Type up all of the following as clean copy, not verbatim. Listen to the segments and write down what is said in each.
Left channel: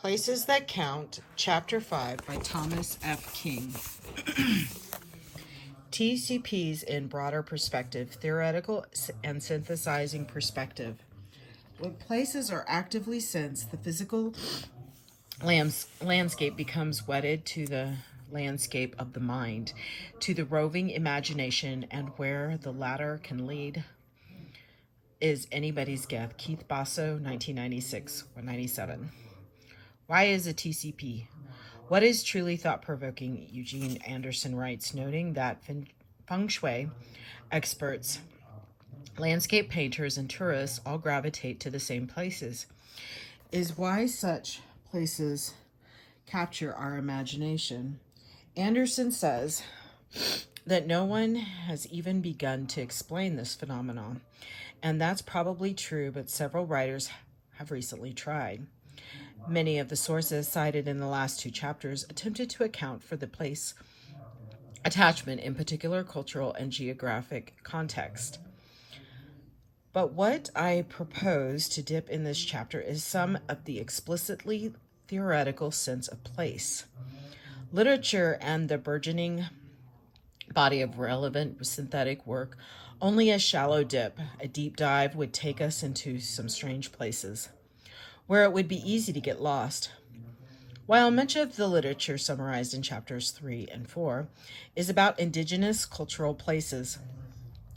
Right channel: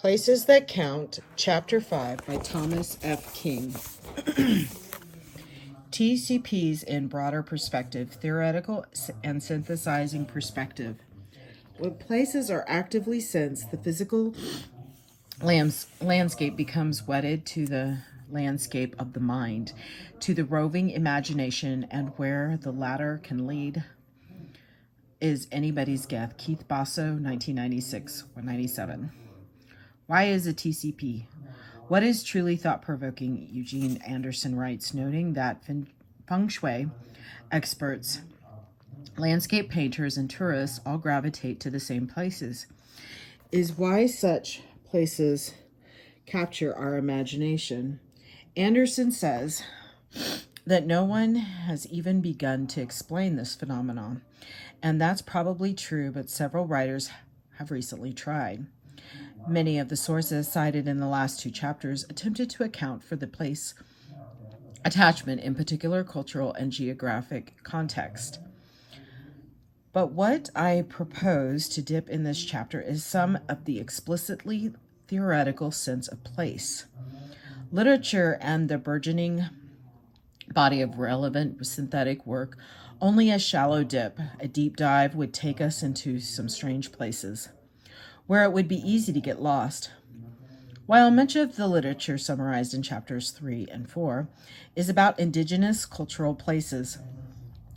Places That Count, Chapter 5 by Thomas F. King. TCPs in broader perspective, theoretical and synthesizing perspective. When places are actively sensed, the physical landscape becomes wedded to the landscape of the mind, to the roving imagination, and where the latter can lead is anybody's guess. Keith Basso, 1996 or 97. Why is a TCP? What is truly thought-provoking? Eugene Anderson writes, noting that feng shui experts, landscape painters, and tourists all gravitate to the same places, is why such places capture our imagination. Anderson says that no one has even begun to explain this phenomenon, and that's probably true, but several writers have recently tried. Many of the sources cited in the last two chapters attempted to account for the place attachment in particular cultural and geographic context. But what I propose to dip in this chapter is some of the explicitly theoretical sense of place. Literature and the burgeoning body of relevant synthetic work only a shallow dip. A deep dive would take us into some strange places where it would be easy to get lost. While much of the literature summarized in chapters 3 and 4 is about indigenous cultural places,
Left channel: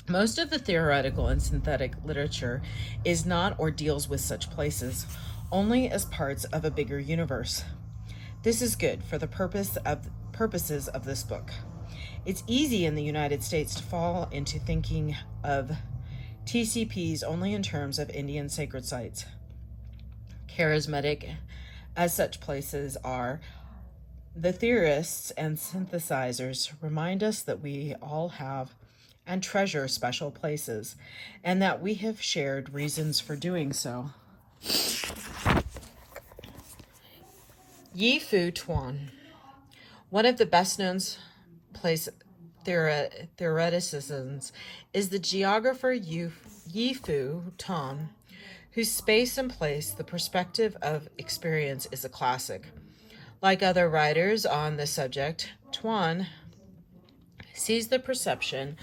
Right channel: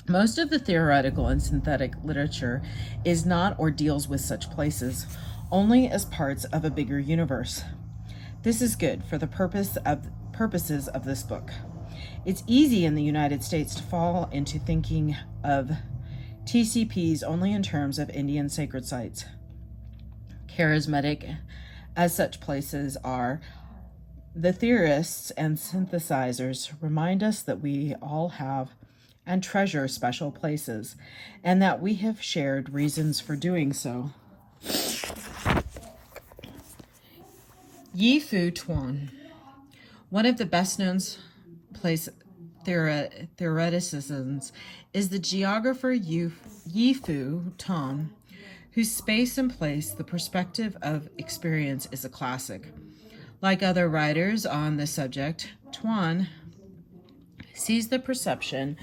most of the theoretical and synthetic literature is not or deals with such places only as parts of a bigger universe. This is good for the purposes of this book. It's easy in the United States to fall into thinking of TCPs only in terms of Indian sacred sites. Charismatic as such places are, the theorists and synthesizers remind us that we all have and treasure special places, and that we have shared reasons for doing so. Yifu Tuan, one of the best-known place theoreticians, is the geographer Yifu Tuan, whose space and place, the perspective of experience, is a classic. Like other writers on the subject, Tuan sees the perception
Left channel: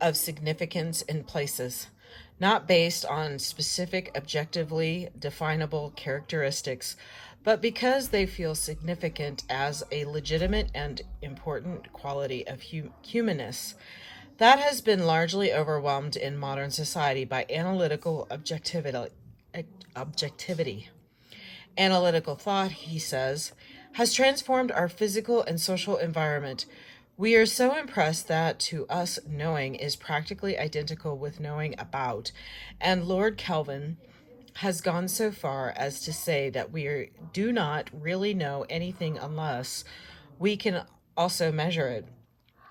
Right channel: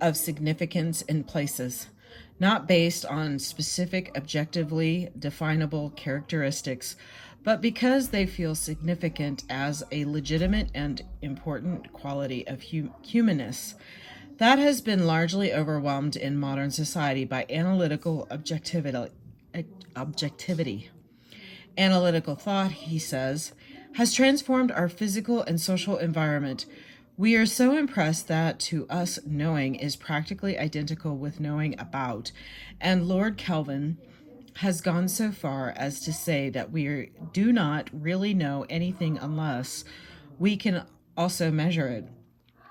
of significance in places, not based on specific objectively definable characteristics, but because they feel significant as a legitimate and important quality of humanness that has been largely overwhelmed in modern society by analytical objectivity. Analytical thought, he says, has transformed our physical and social environment. We are so impressed that to us knowing is practically identical with knowing about, and Lord Kelvin has gone so far as to say that we do not really know anything unless we can also measure it.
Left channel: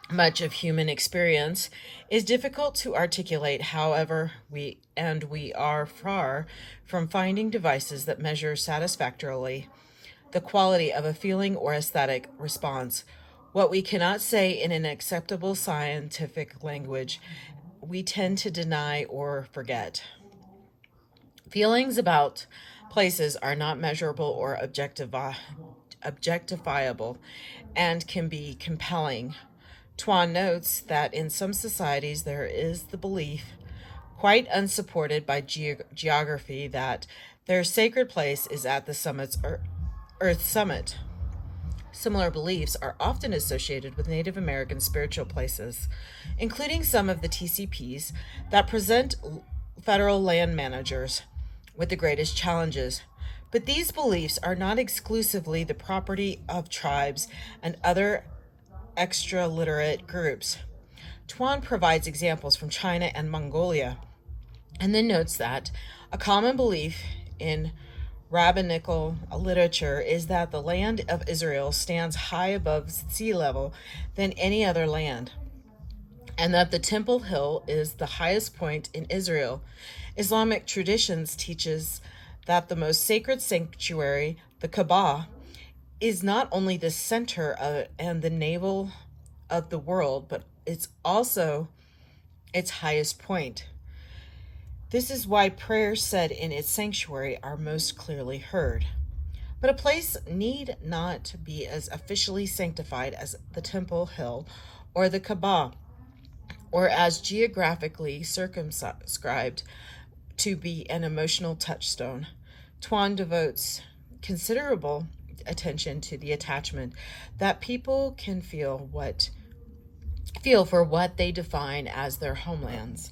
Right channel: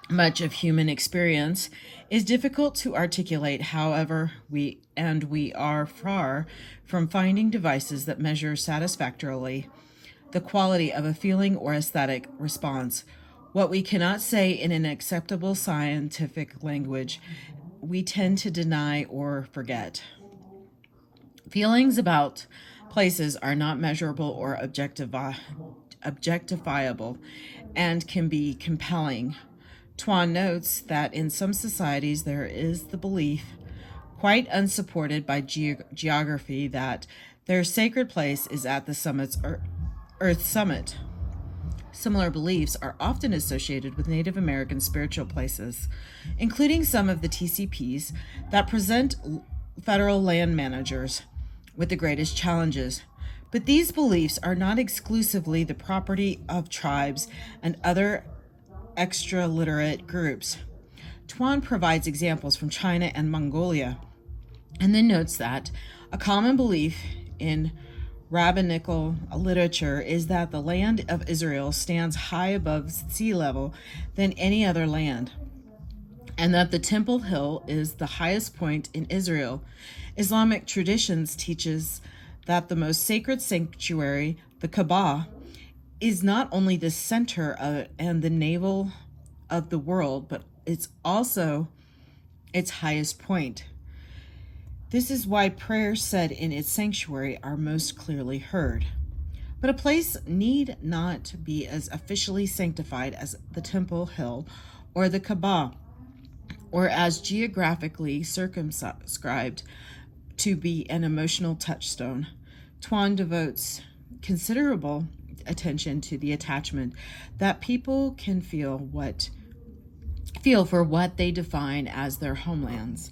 Much of human experience is difficult to articulate, however, we are far from finding devices that measure satisfactorily the quality of a feeling or aesthetic response. What we cannot say in an acceptable scientific language, we tend to deny or forget. Feelings about places are not measurable or objectifiable and can be compelling. Tuan notes that in some societies there is the belief, quite unsupported by geography, that their sacred place is at the Earth's summit. Similar beliefs are often associated with Native American spiritual places, including some of the TCPs that present federal land managers with the greatest challenges. But these beliefs are not exclusively the property of tribes and other extra-literate groups. Tuan provides examples from China and Mongolia, and then notes that a common belief in rabbinical literature is that the land of Israel stands high above sea level than any other land, and that the Temple Hill is the highest point in Israel. Islamic traditions teaches that the most sacred sanctuary, the Kaaba, is not only the center and the navel of the world, but it's also its highest point. This is why prayers said in its sanctuary are most clearly heard. But a place need not be as officially sanctified as the Temple Hill or the Kaaba, or as geographically circumscribed to be an emotional touchstone. Tuan devotes considerable attention to the attachment that people can feel for what they define as their homelands,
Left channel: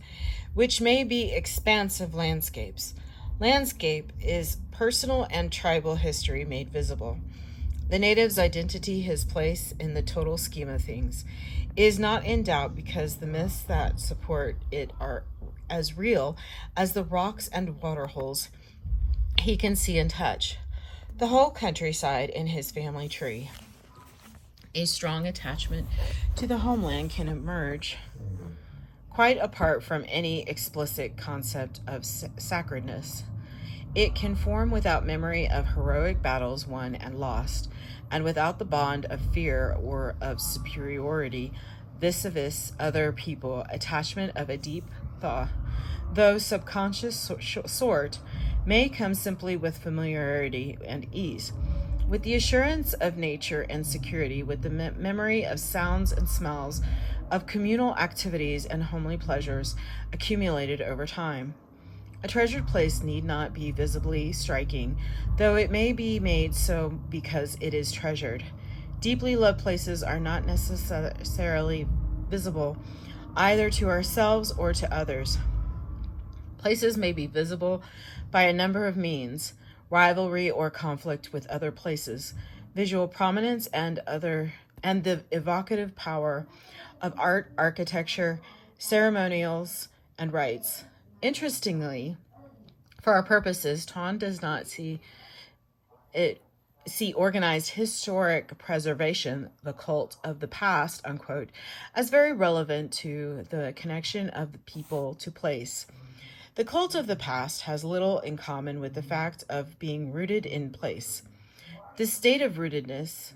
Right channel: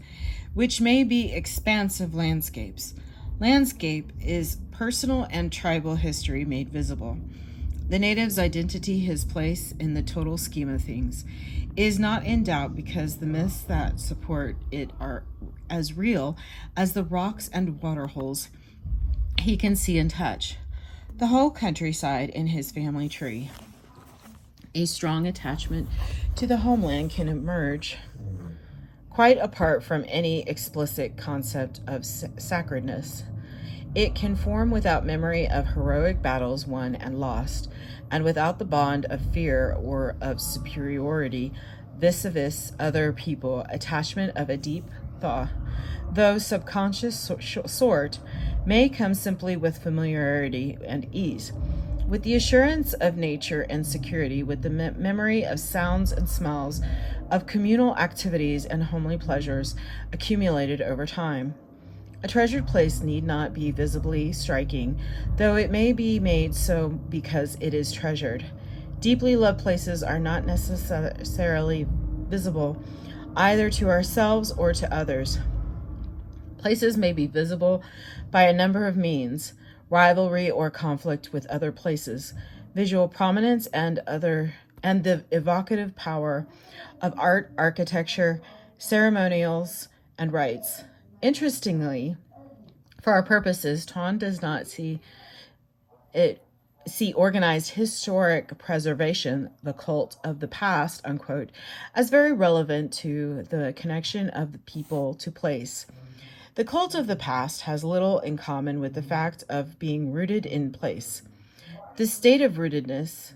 which may be expansive landscapes. Landscape is personal and tribal history made visible. The native's identity, his place in the total scheme of things, is not in doubt because the myths that support it are as real as the rocks and waterholes he can see and touch. The whole countryside in his family tree. A strong attachment to the homeland can emerge quite apart from any explicit concept of sacredness. It can form without memory of heroic battles won and lost, and without the bond of fear or of superiority vis-a-vis other people. Attachment of a deep thought, though subconscious sort, may come simply with familiarity and ease, with the assurance of nature and security, with the memory of sounds and smells, of communal activities and homely pleasures accumulated over time. A treasured place need not be visibly striking, though it may be made so because it is treasured. Deeply loved places are not necessarily visible either to ourselves or to others. Places may be visible by a number of means: rivalry or conflict with other places, visual prominence, and the evocative power of art, architecture, ceremonials, and rites. Interestingly, for our purposes, Tuan does not see organized historic preservation, the cult of the past, unquote, as very relevant to the connection of the people to place. The cult of the past has little in common with the fact of being rooted in place. This state of rootedness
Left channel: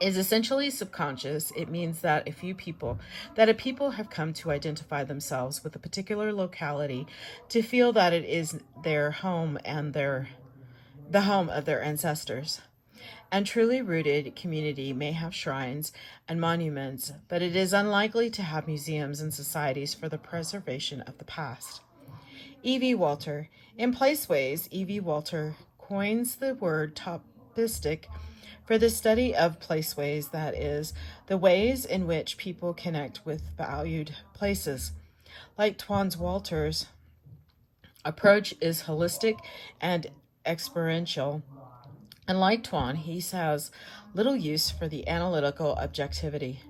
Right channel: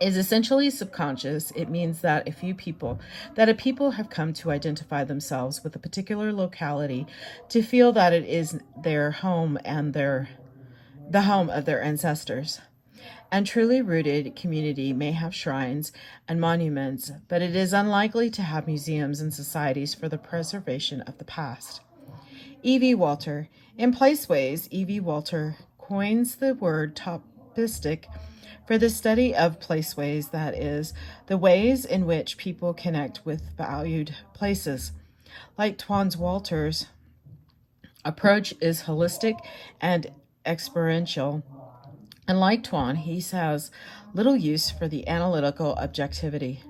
is essentially subconscious. It means that a people have come to identify themselves with a particular locality, to feel that it is their home and the home of their ancestors. And truly rooted community may have shrines and monuments, but it is unlikely to have museums and societies for the preservation of the past. E.V. Walter. In Placeways, E.V. Walter coins the word topistic for the study of placeways, that is, the ways in which people connect with valued places. Like Tuan Walter's approach is holistic and experiential, and like Tuan, he has little use for the analytical objectivity.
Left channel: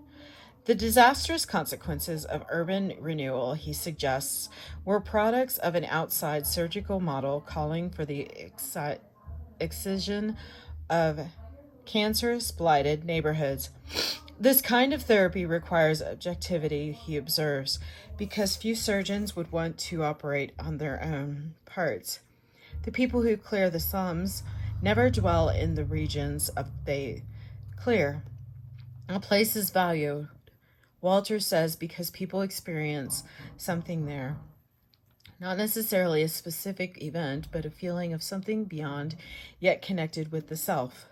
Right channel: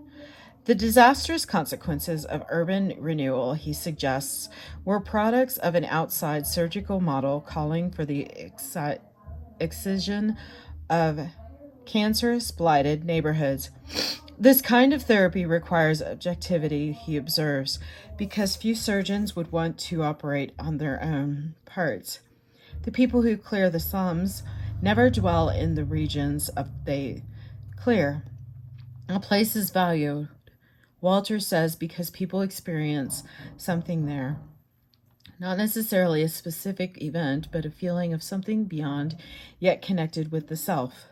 The disastrous consequences of urban renewal, he suggests, were products of an outside surgical model calling for the excision of cancerous, blighted neighborhoods. This kind of therapy requires objectivity, he observes, because few surgeons would want to operate on their own parts. The people who clear the slums never dwell in the regions they clear. A place is valued, Walter says, because people experience something there. Not necessarily a specific event, but a feeling of something beyond, yet connected with the self.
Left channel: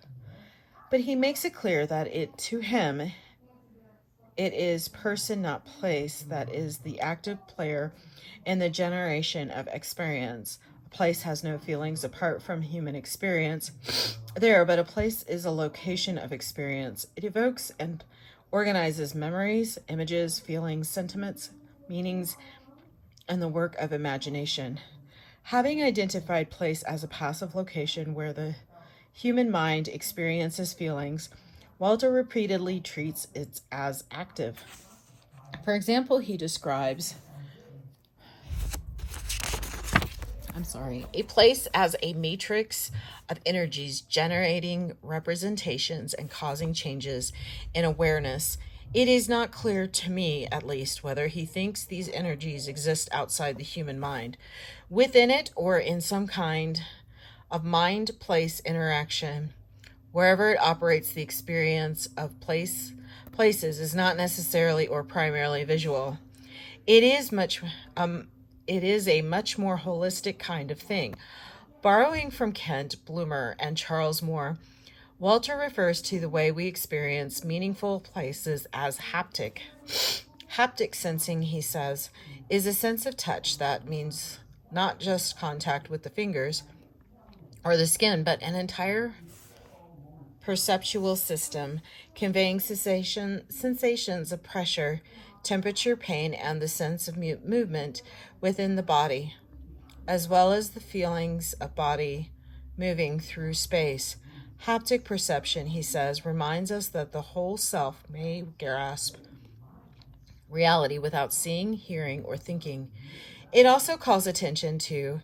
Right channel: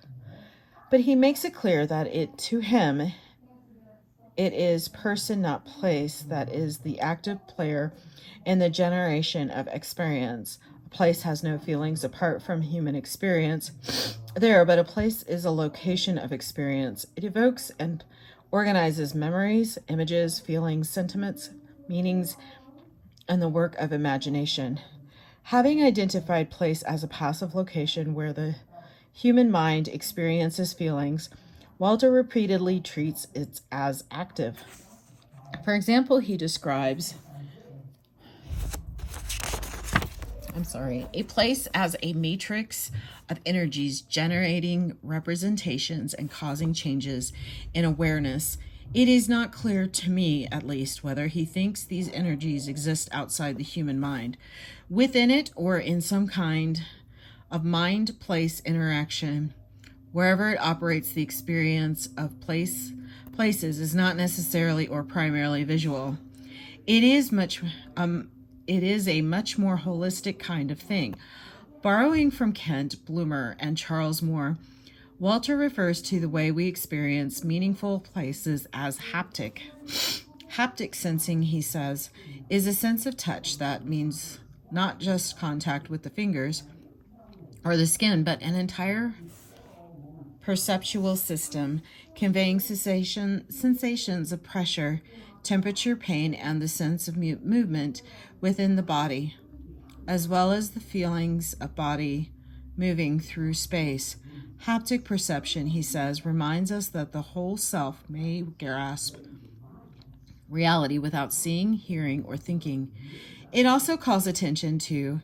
But he makes it clear that to him, it is person, not place, that is the active player in the generation of experience. A place has no feelings apart from human experience there, but a place is a location of experience. It evokes and organizes memories, images, feelings, sentiments, meanings, and the work of imagination. Having identified place as a passive location where the human mind experiences feelings, Walter repeatedly treats it as active. For example, he describes a place as a matrix of energies generating representations and causing changes in awareness. It is not clear to me, at least, whether he thinks these energies exist outside the human mind, within it, or in some kind of mind-place interaction. Wherever it operates, the experience of places is not necessarily or primarily visual. It is a much more holistic kind of thing. Borrowing from Kent Bloomer and Charles Moore, Walter refers to the way we experience meaningful places as haptic. Haptic sensing, he says, is a sense of touch that means not just contact with the fingers or the skin, but an entire perceptual system conveying sensations of pressure, temperature, pain, and the sense of movement within the body, as well as the feelings of body moving through space. Haptic perception, he says, reminds us that the whole self may grasp reality without seeing, hearing, or thinking. It also calls attention to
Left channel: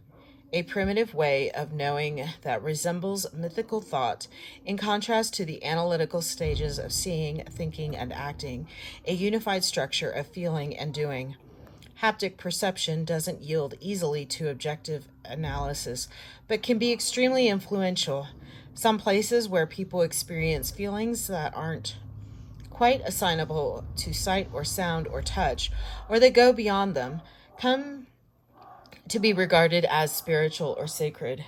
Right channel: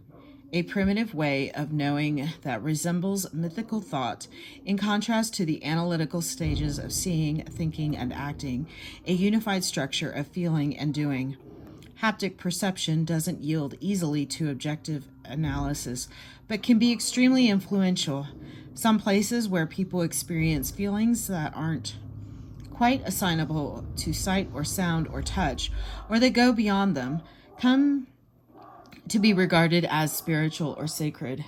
a primitive way of knowing that resembles mythical thought, in contrast to the analytical stages of seeing, thinking, and acting, a unified structure of feeling and doing. Haptic perception doesn't yield easily to objective analysis, but can be extremely influential. Some places where people experience feelings that aren't quite assignable to sight or sound or touch, or that go beyond them, come to be regarded as spiritual or sacred.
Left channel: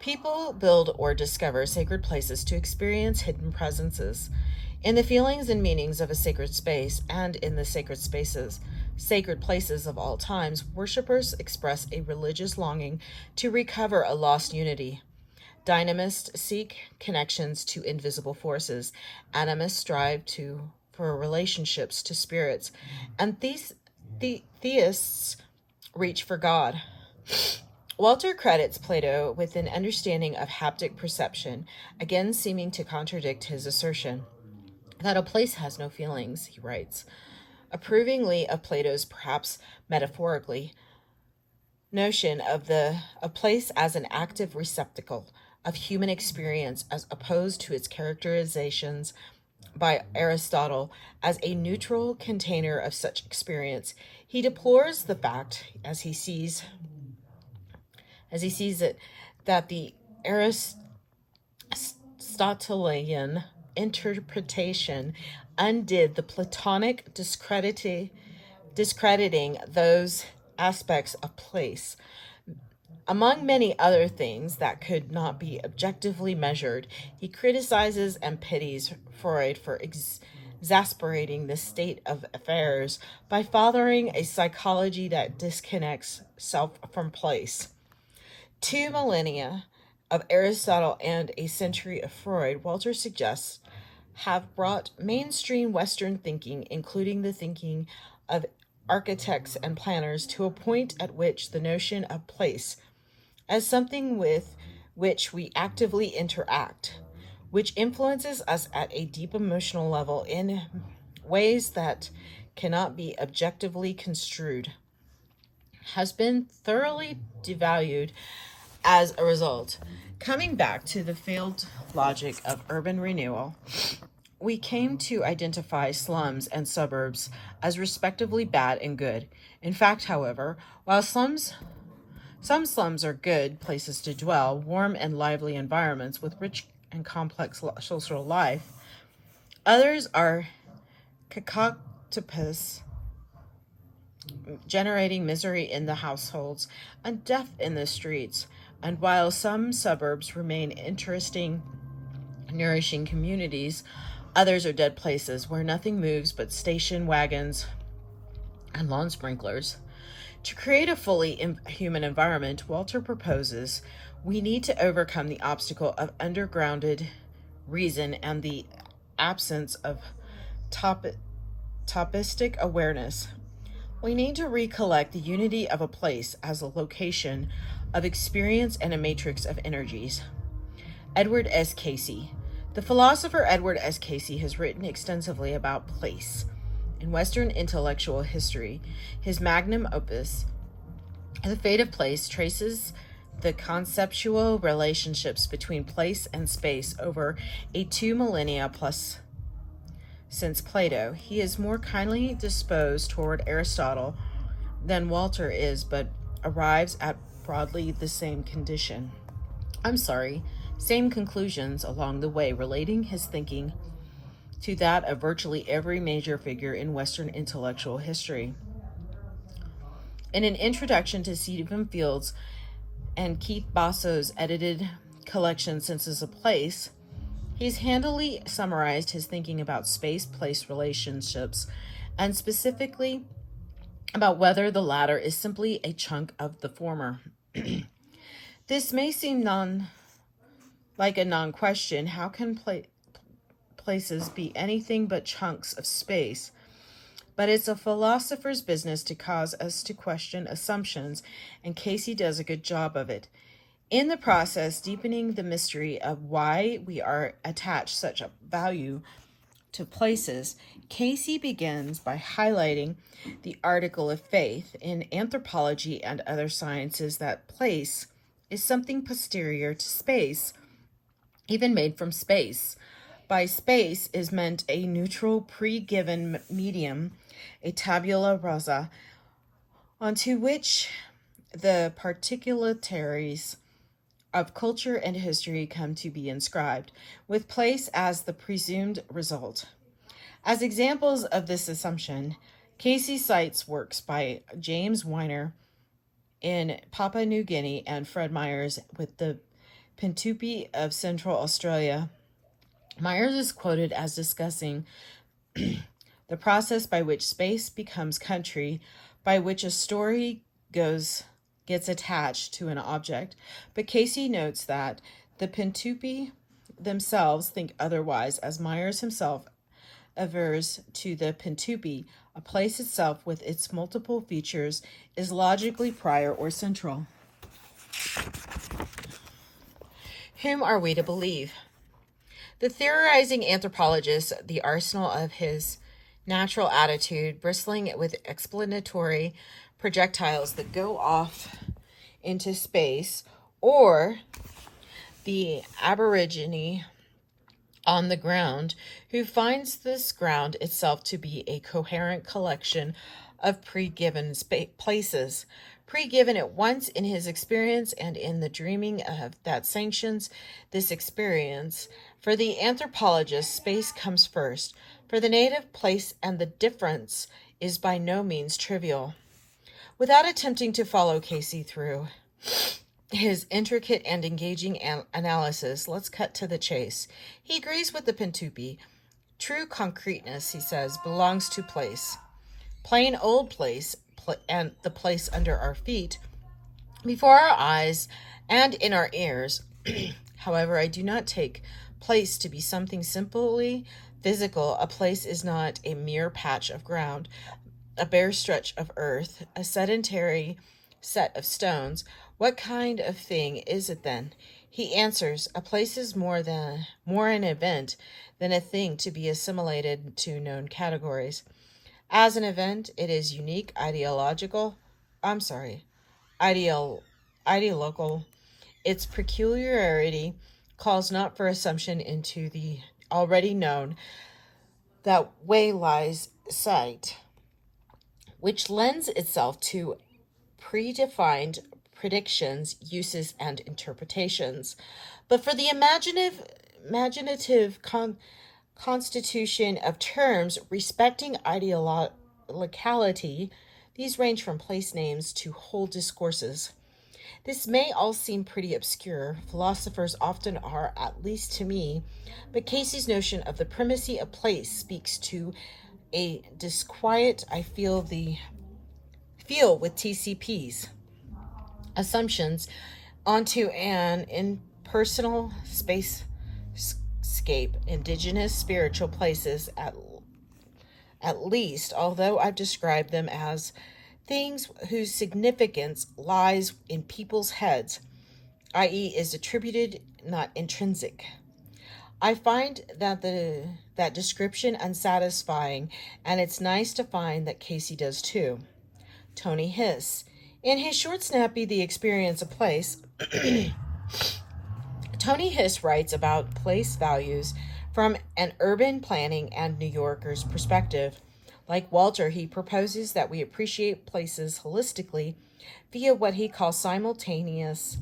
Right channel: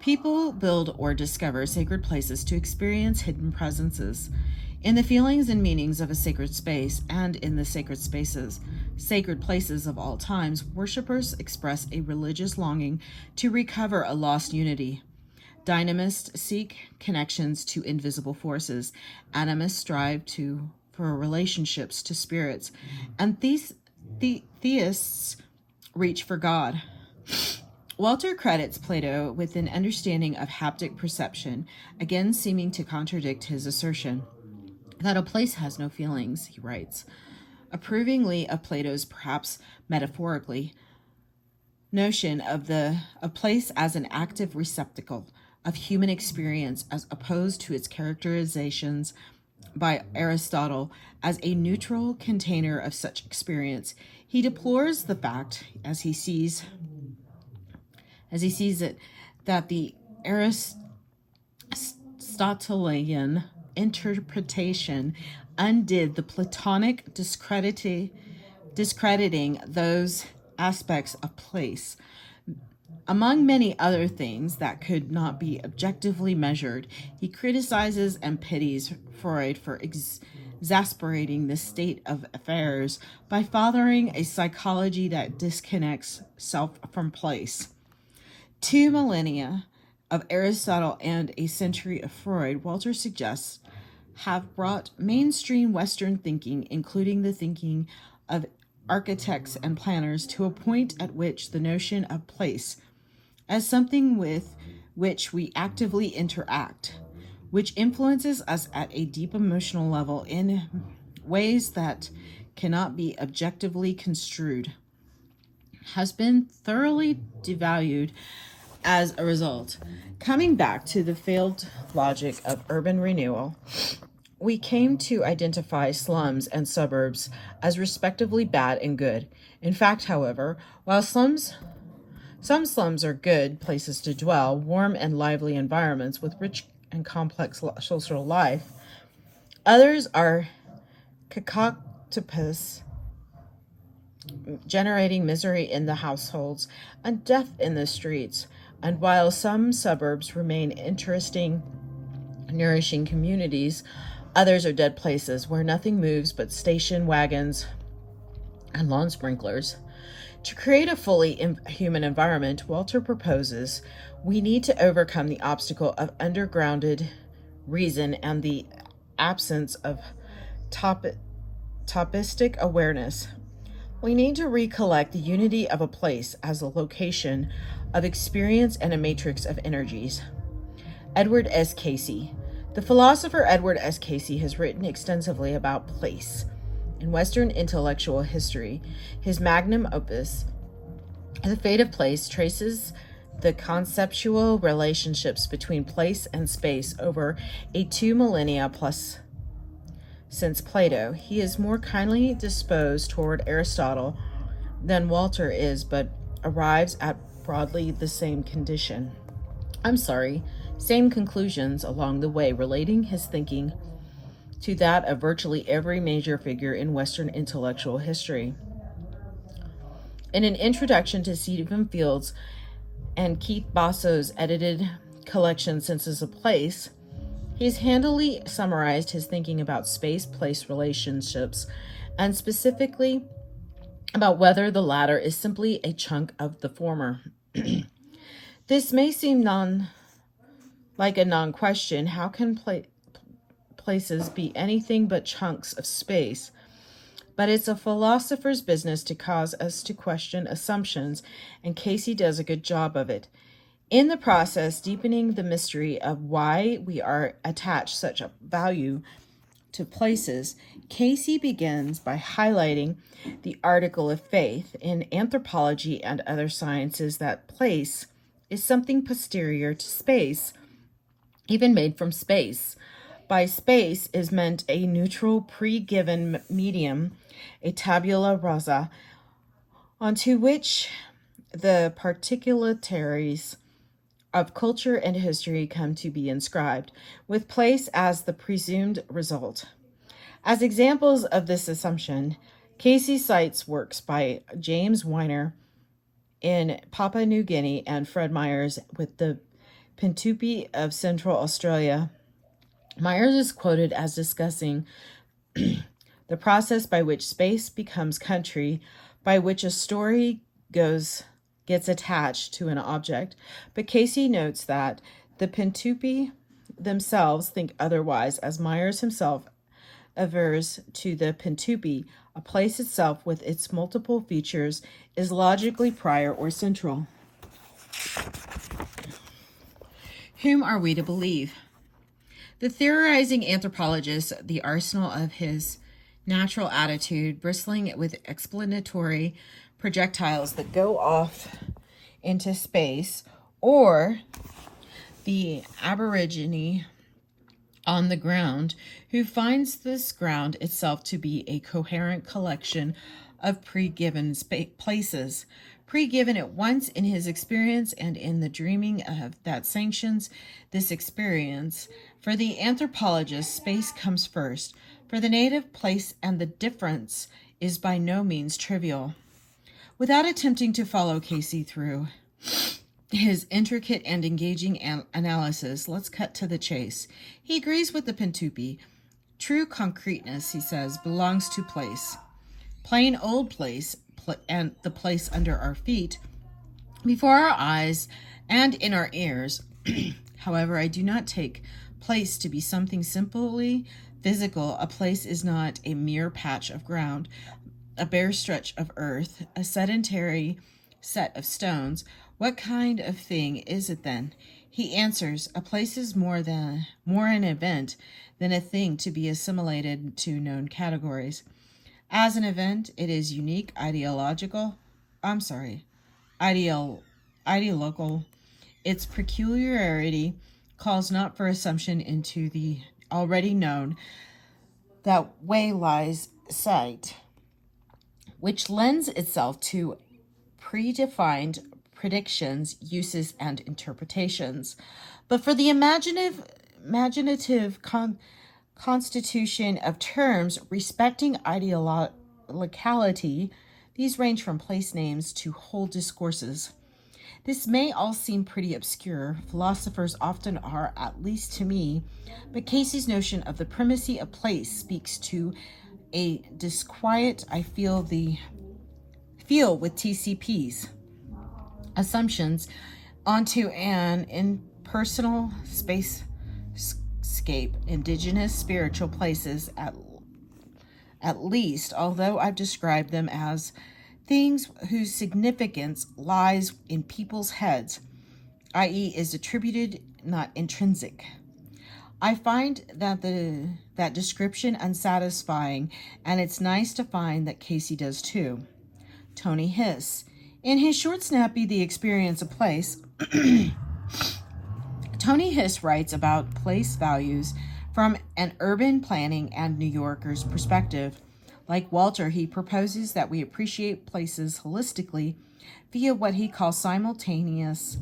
People build or discover sacred places to experience hidden presences. In the feelings and meanings of a sacred space and in the sacred places of all times, worshippers express a religious longing to recover a lost unity. Dynamists seek connections to invisible forces. Animists strive for relationships to spirits. And theists reach for God. Walter credits Plato with an understanding of haptic perception, again seeming to contradict his assertion that a place has no feelings, he writes. Approvingly of Plato's, perhaps metaphorically, notion of place as an active receptacle of human experience, as opposed to its characterizations by Aristotle as a neutral container of such experience, he deplores the fact, as he sees it, that the Aristotelian interpretation undid the Platonic, discrediting those aspects of place. Among many other things that could not be objectively measured, he criticizes and pities Freud for exasperating the state of affairs by fathering a psychology that disconnects self from place. 2 millennia of Aristotle and a century of Freud, Walter suggests, have brought mainstream Western thinking, including the thinking of architects and planners, to a point at which the notion of place as something with which we actively interact, which influences us at a deep emotional level in ways that cannot be objectively construed, has been thoroughly devalued as a result. Coming back to the failed logic of urban renewal, we came to identify slums and suburbs as respectively bad and good. In fact, however, while some slums are good places to dwell, warm and lively environments with rich and complex social life, others are cacoetipus, generating misery in the households and death in the streets. And while some suburbs remain interesting, nourishing communities, others are dead places where nothing moves but station wagons and lawn sprinklers. To create a fully human environment, Walter proposes we need to overcome the obstacle of undergrounded reason and the absence of topistic awareness. We need to recollect the unity of a place as a location of experience and a matrix of energies. Edward S. Casey. The philosopher Edward S. Casey has written extensively about place. In Western intellectual history, his magnum opus, The Fate of Place, traces the conceptual relationships between place and space over a 2 millennia plus since Plato. He is more kindly disposed toward Aristotle than Walter is, but arrives at broadly the same same conclusions along the way, relating his thinking to that of virtually every major figure in Western intellectual history. In an introduction to Stephen Field's and Keith Basso's edited collection, Senses of Place, he's handily summarized his thinking about space-place relationships, and specifically about whether the latter is simply a chunk of the former. This may seem like a non-question. How can places be anything but chunks of space? But it's a philosopher's business to cause us to question assumptions, and Casey does a good job of it. In the process, deepening the mystery of why we are attached such a value to places, Casey begins by highlighting the article of faith in anthropology and other sciences that place is something posterior to space, even made from space. By space is meant a neutral pre-given medium, a tabula rasa, onto which the particularities of culture and history come to be inscribed, with place as the presumed result. As examples of this assumption, Casey cites works by James Weiner in Papua New Guinea and Fred Myers with the Pintupi of Central Australia. Myers is quoted as discussing the process by which space becomes country, by which a story gets attached to an object, but Casey notes that the Pintupi themselves think otherwise, as Myers himself avers to the Pintupi, a place itself with its multiple features is logically prior or central. Whom are we to believe? The theorizing anthropologist, the arsenal of his natural attitude, bristling with explanatory projectiles that go off into space, or the aborigine on the ground who finds this ground itself to be a coherent collection of pre-given places, pre-given at once in his experience and in the dreaming of that sanctions this experience. For the anthropologist, space comes first. For the native, place and the difference is by no means trivial. Without attempting to follow Casey through his intricate and engaging analysis, let's cut to the chase. He agrees with the Pintupi. True concreteness, he says, belongs to place. Plain old place, and the place under our feet, before our eyes, and in our ears. However, I do not take place to be something simply physical. A place is not a mere patch of ground, a bare stretch of earth, a sedentary set of stones. What kind of thing is it then? He answers, a place is more an event than a thing to be assimilated to known categories. As an event, it is unique, ideological. Its peculiarity calls not for assumption into the already known, that way lies sight, which lends itself to predefined predictions, uses, and interpretations. But for the imaginative constitution of terms respecting locality, these range from place names to whole discourses. This may all seem pretty obscure. Philosophers often are, at least to me, but Casey's notion of the primacy of place speaks to a disquiet I feel with TCPs. Assumptions onto an impersonal spacescape, indigenous spiritual places at least, although I've described them as things whose significance lies in people's heads, i.e. is attributed, not intrinsic. I find that description unsatisfying, and it's nice to find that Casey does too. Tony Hiss. In his short snappy The Experience of Place, Tony Hiss writes about place values from an urban planning and New Yorker's perspective. Like Walter, he proposes that we appreciate places holistically via what he calls simultaneous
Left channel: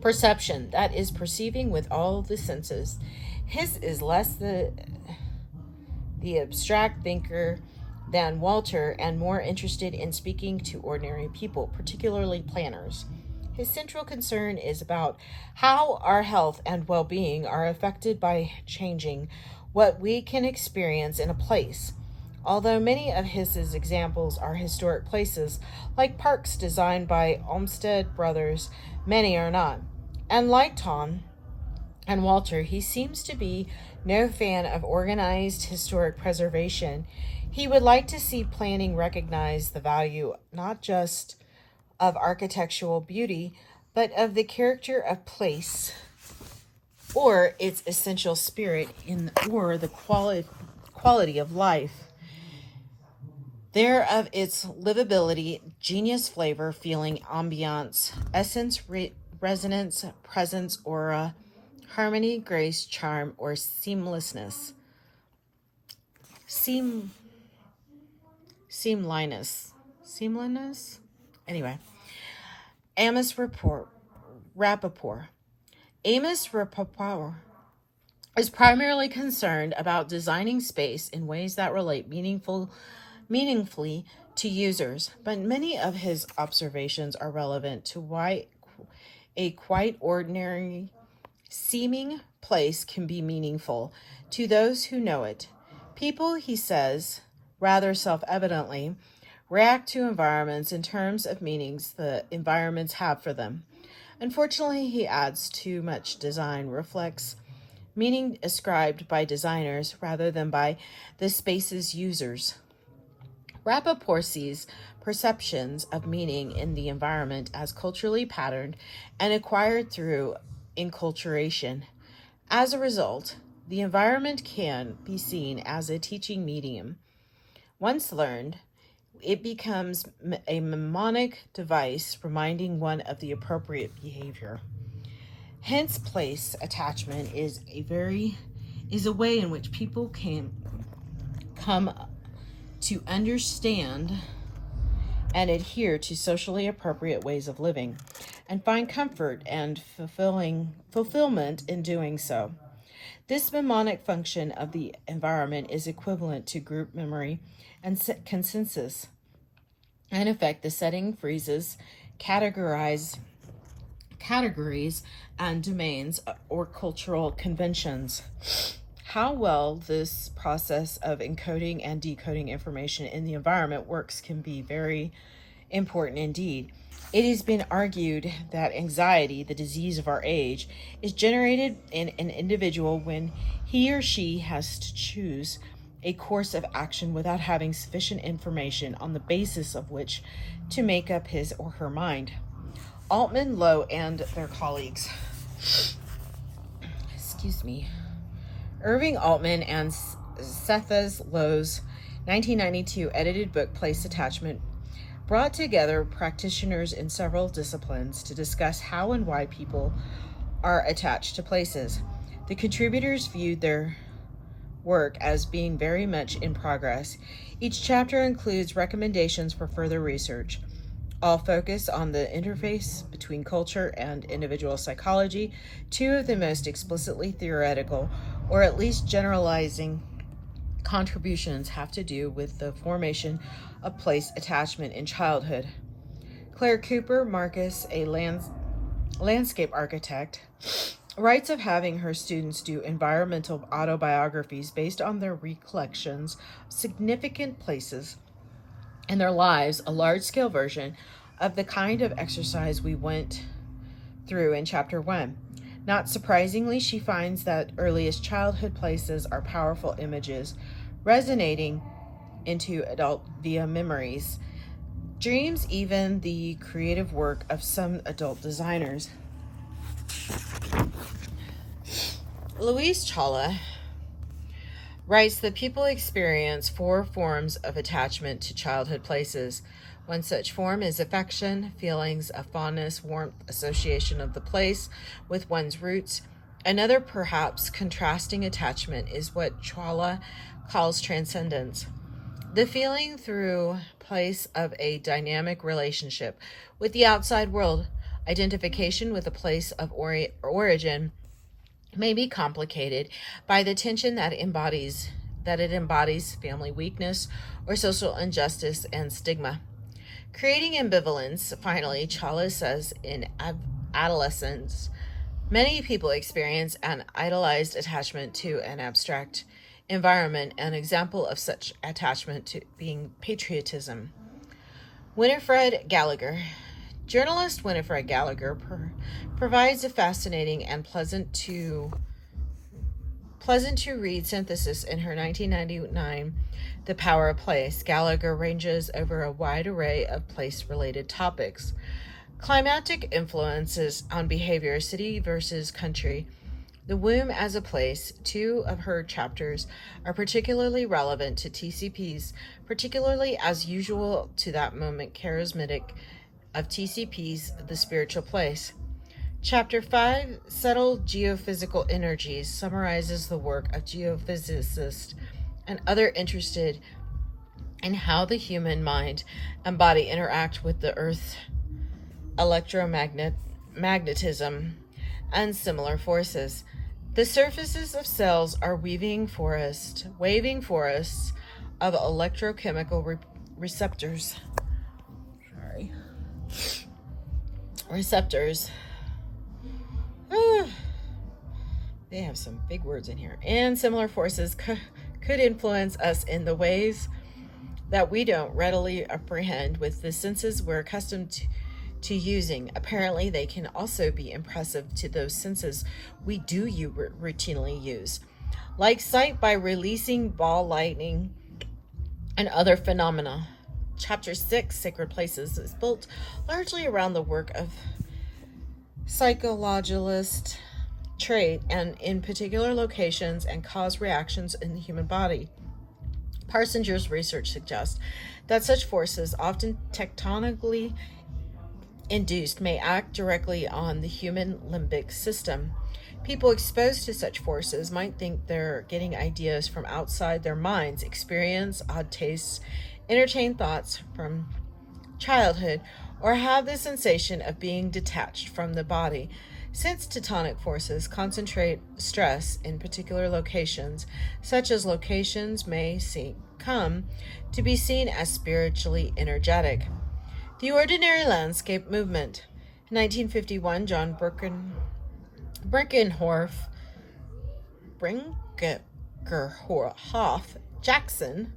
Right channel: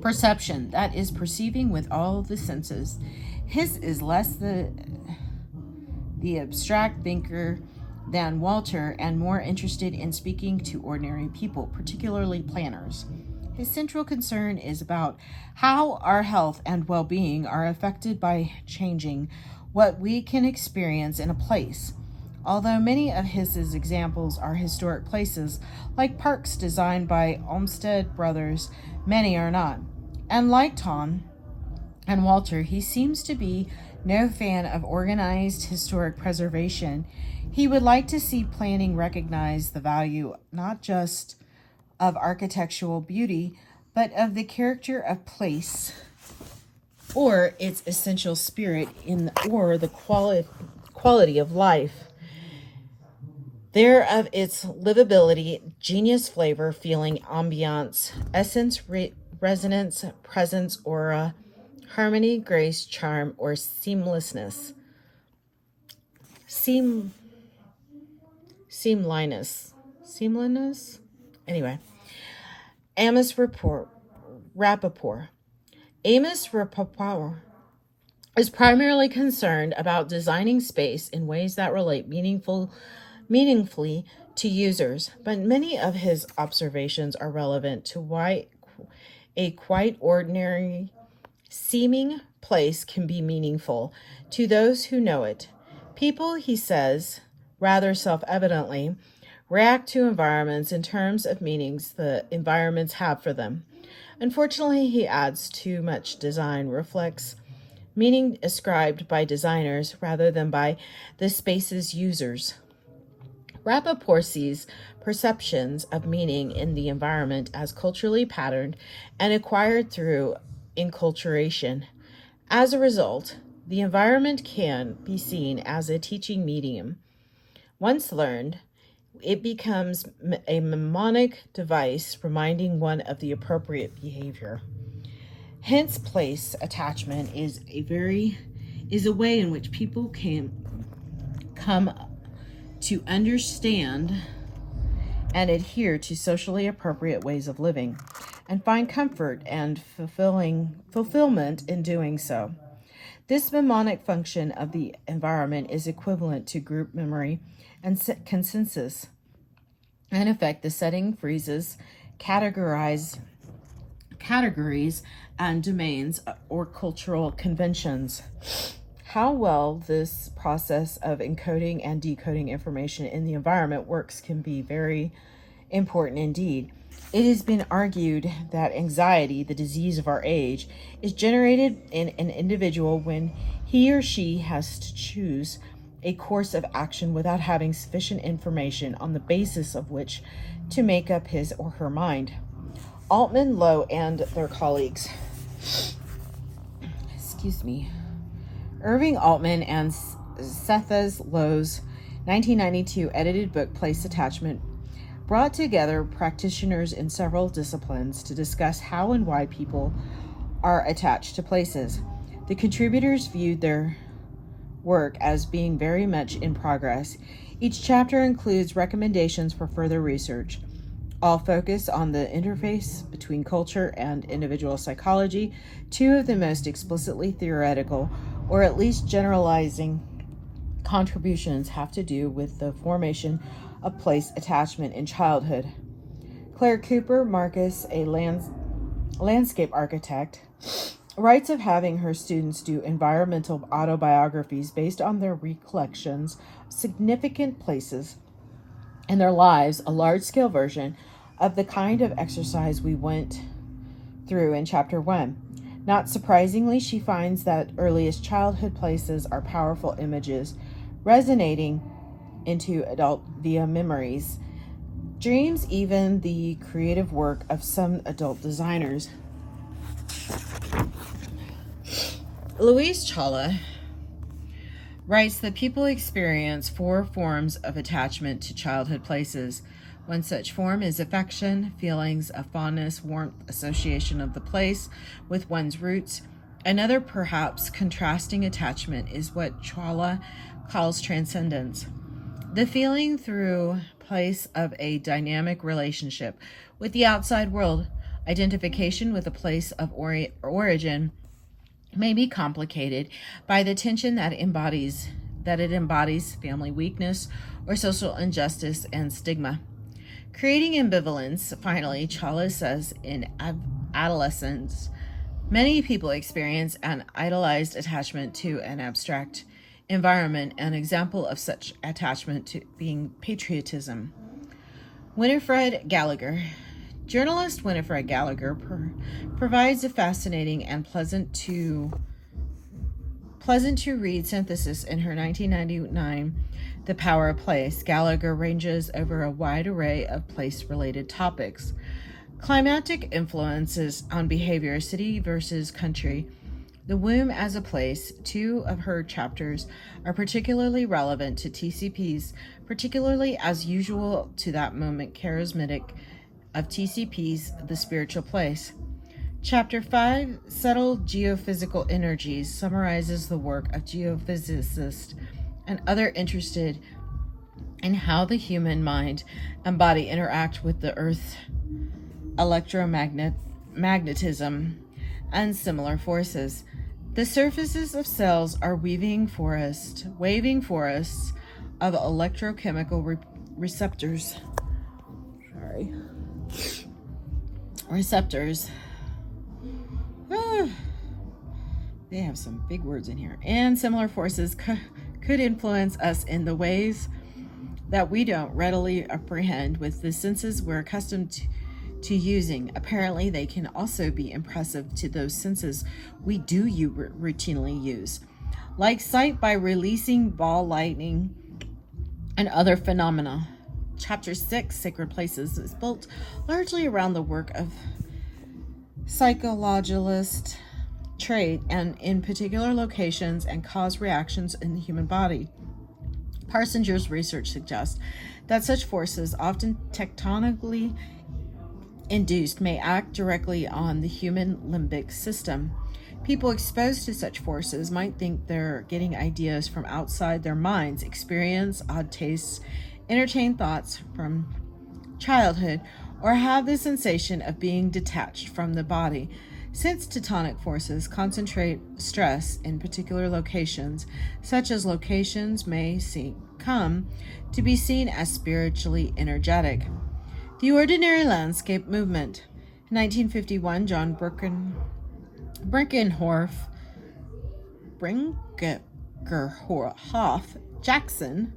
perception, that is, perceiving with all the senses. Hiss is less the abstract thinker than Walter and more interested in speaking to ordinary people, particularly planners. His central concern is about how our health and well-being are affected by changing what we can experience in a place. Although many of his examples are historic places, like parks designed by Olmsted Brothers, many are not. And like Tom and Walter, he seems to be no fan of organized historic preservation. He would like to see planning recognize the value not just of architectural beauty, but of the character of place or its essential spirit or the quality of life. There of its livability, genius, flavor, feeling, ambiance, essence, resonance, presence, aura, harmony, grace, charm, or seamlessness. Seamliness? Anyway. Amos Rappaport. Amos Rappaport is primarily concerned about designing space in ways that relate meaningfully to users, but many of his observations are relevant to why a quite ordinary seeming place can be meaningful to those who know it. People, he says, rather self-evidently, react to environments in terms of meanings the environments have for them. Unfortunately, he adds, too much design reflects meaning ascribed by designers rather than by the space's users. Rappaport sees perceptions of meaning in the environment as culturally patterned and acquired through enculturation. As a result, the environment can be seen as a teaching medium. Once learned, it becomes a mnemonic device reminding one of the appropriate behavior. Hence, place attachment is a way in which people can come to understand and adhere to socially appropriate ways of living and find comfort and fulfillment in doing so. This mnemonic function of the environment is equivalent to group memory and consensus. In effect, the setting freezes categories and domains or cultural conventions. How well this process of encoding and decoding information in the environment works can be very important indeed. It has been argued that anxiety, the disease of our age, is generated in an individual when he or she has to choose a course of action without having sufficient information on the basis of which to make up his or her mind. Altman, Lowe, and their colleagues. Irving Altman and Cephas Lowe's 1992 edited book Place Attachment brought together practitioners in several disciplines to discuss how and why people are attached to places. The contributors viewed their work as being very much in progress. Each chapter includes recommendations for further research. All focus on the interface between culture and individual psychology. Two of the most explicitly theoretical, or at least generalizing, contributions have to do with the formation of place attachment in childhood. Claire Cooper Marcus, a landscape architect, writes of having her students do environmental autobiographies based on their recollections of significant places in their lives, a large-scale version of the kind of exercise we went through in Chapter 1. Not surprisingly, she finds that earliest childhood places are powerful images, resonating into adult via memories, dreams, even the creative work of some adult designers. Louise Chawla writes that people experience 4 forms of attachment to childhood places. One such form is affection, feelings of fondness, warmth, association of the place with one's roots. Another, perhaps contrasting attachment is what Chawla calls transcendence. The feeling through place of a dynamic relationship with the outside world. Identification with a place of origin may be complicated by the tension that it embodies family weakness or social injustice and stigma. Creating ambivalence, finally, Chalice says in adolescence, many people experience an idolized attachment to an abstract environment, an example of such attachment to being patriotism. Winifred Gallagher. Journalist Winifred Gallagher provides a fascinating and pleasant to read synthesis in her 1999 The Power of Place. Gallagher ranges over a wide array of place-related topics. Climatic influences on behavior, city versus country, the womb as a place. Two of her chapters are particularly relevant to TCPs, particularly as usual to that moment charismatic of TCPs, the spiritual place. Chapter 5, Subtle Geophysical Energies, summarizes the work of geophysicists and others interested in how the human mind and body interact with the Earth, electromagnetism, and similar forces. The surfaces of cells are waving forests of electrochemical receptors. They have some big words in here. And similar forces could influence us in the ways that we don't readily apprehend with the senses we're accustomed to using. Apparently, they can also be impressive to those senses we do routinely use, like sight by releasing ball lightning and other phenomena. Chapter 6, Sacred Places, is built largely around the work of psychologist trait and in particular locations and cause reactions in the human body. Parsinger's research suggests that such forces, often tectonically induced, may act directly on the human limbic system. People exposed to such forces might think they're getting ideas from outside their minds, experience odd tastes, entertain thoughts from childhood, or have the sensation of being detached from the body. Since tectonic forces concentrate stress in particular locations, such as locations may come to be seen as spiritually energetic. The Ordinary Landscape Movement. In 1951, John Brinkerhoff Jackson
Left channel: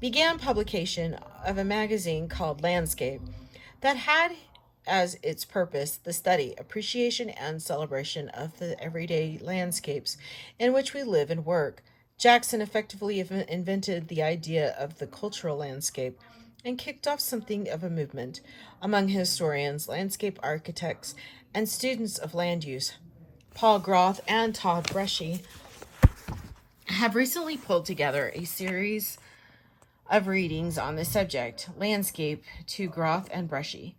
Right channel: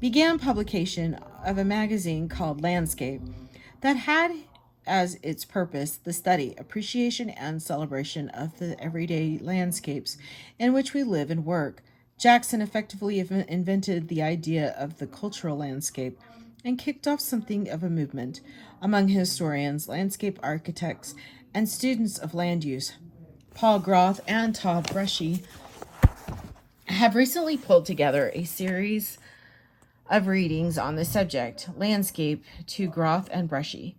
began publication of a magazine called Landscape that had as its purpose the study, appreciation, and celebration of the everyday landscapes in which we live and work. Jackson effectively invented the idea of the cultural landscape and kicked off something of a movement among historians, landscape architects, and students of land use. Paul Groth and Todd Bresci have recently pulled together a series of readings on the subject. Landscape, to Groth and Bresci,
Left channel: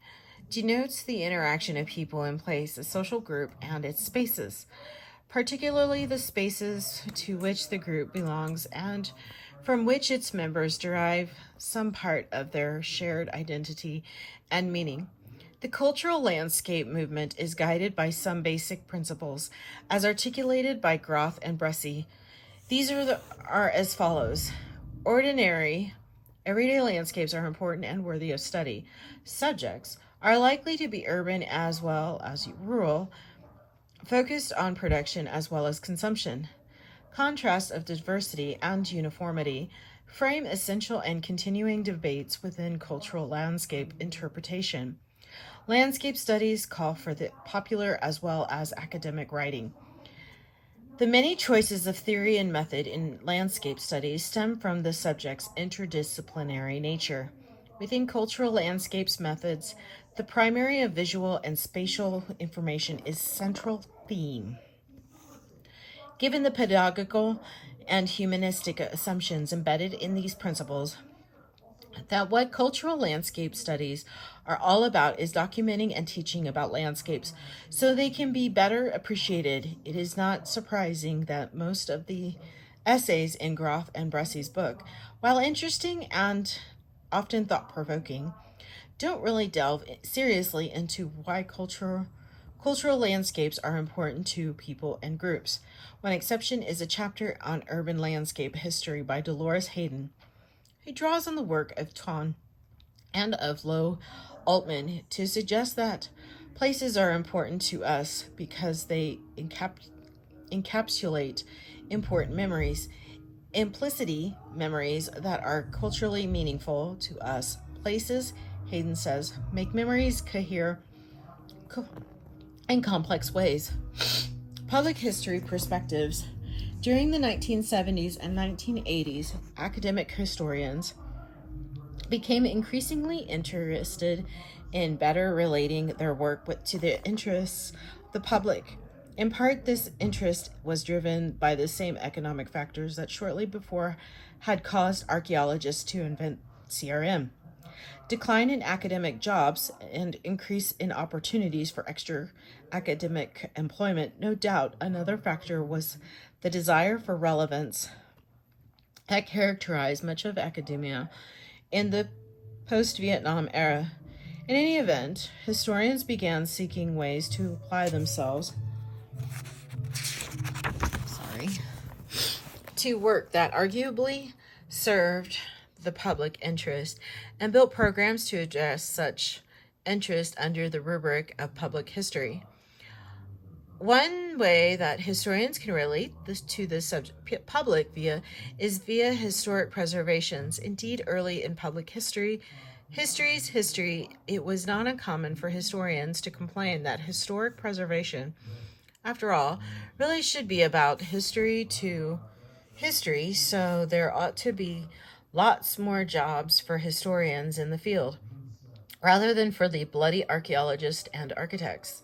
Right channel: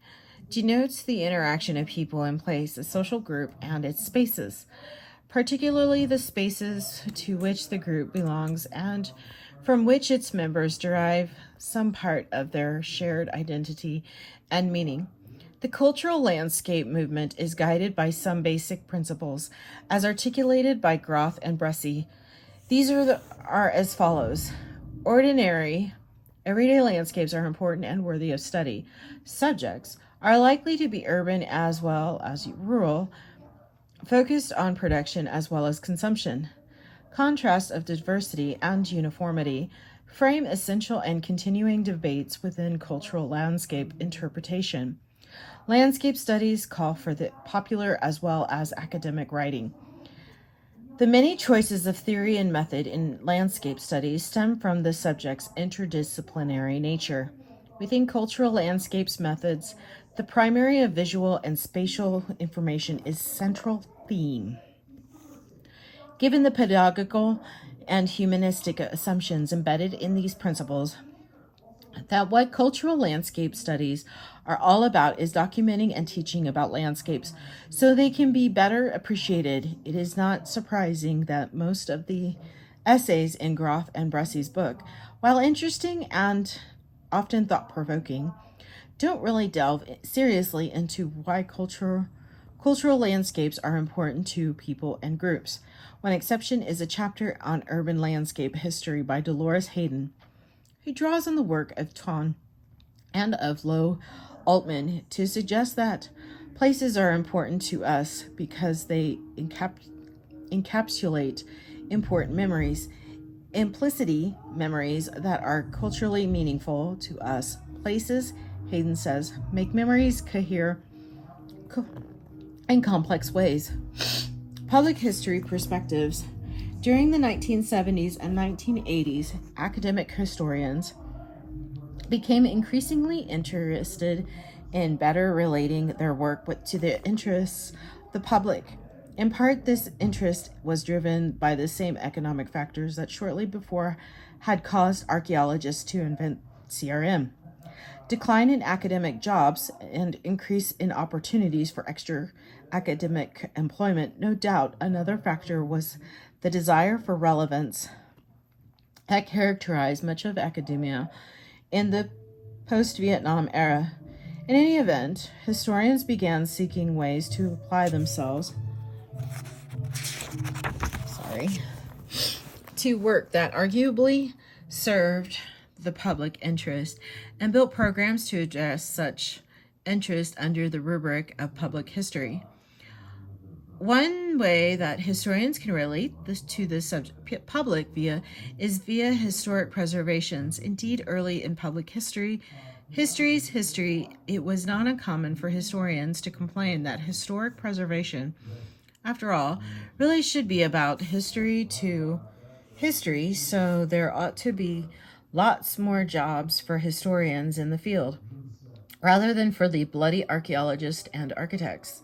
denotes the interaction of people in place, a social group, and its spaces, particularly the spaces to which the group belongs and from which its members derive some part of their shared identity and meaning. The cultural landscape movement is guided by some basic principles, as articulated by Groth and Bresci. These are as follows. Everyday landscapes are important and worthy of study. Subjects are likely to be urban as well as rural, focused on production as well as consumption. Contrasts of diversity and uniformity frame essential and continuing debates within cultural landscape interpretation. Landscape studies call for the popular as well as academic writing. The many choices of theory and method in landscape studies stem from the subject's interdisciplinary nature. Within cultural landscapes methods, the primary of visual and spatial information is central theme. Given the pedagogical and humanistic assumptions embedded in these principles, that what cultural landscape studies are all about is documenting and teaching about landscapes so they can be better appreciated. It is not surprising that most of the essays in Groth and Bresci's book, while interesting and often thought-provoking, don't really delve seriously into why cultural landscapes are important to people and groups. One exception is a chapter on urban landscape history by Dolores Hayden, He draws on the work of Ton and of Low Altman to suggest that places are important to us because they encapsulate important memories, implicity memories that are culturally meaningful to us. Places, Hayden says, make memories cohere in complex ways. Public history perspectives. During the 1970s and 1980s, academic historians became increasingly interested in better relating their work to the interests of the public. In part, this interest was driven by the same economic factors that shortly before had caused archaeologists to invent CRM. Decline in academic jobs and increase in opportunities for extra academic employment. No doubt another factor was the desire for relevance that characterized much of academia in the post-Vietnam era. In any event, historians began seeking ways to apply themselves to work that arguably served the public interest and built programs to address such interest under the rubric of public history. One way that historians can relate to the subject public is via historic preservations. Indeed, early in public history, it was not uncommon for historians to complain that historic preservation, after all, really should be about history to history, so there ought to be lots more jobs for historians in the field, rather than for the bloody archaeologists and architects.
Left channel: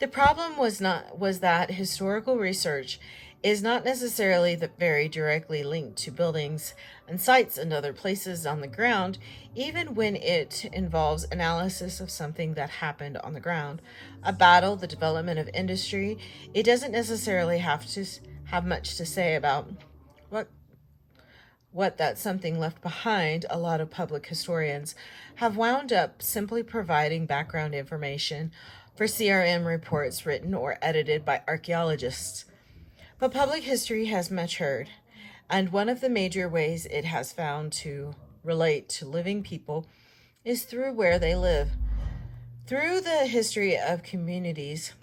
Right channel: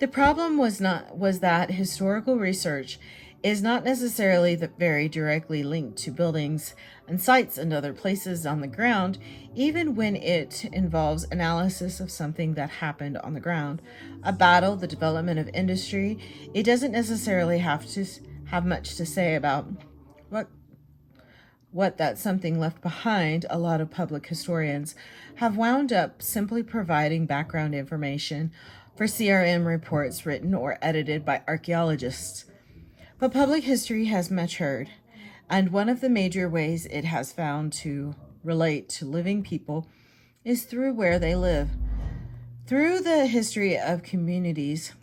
The problem was that historical research is not necessarily very directly linked to buildings and sites and other places on the ground, even when it involves analysis of something that happened on the ground. A battle, the development of industry, it doesn't necessarily have to have much to say about what that something left behind. A lot of public historians have wound up simply providing background information for CRM reports written or edited by archaeologists. But public history has matured, and one of the major ways it has found to relate to living people is through where they live. Through the history of communities,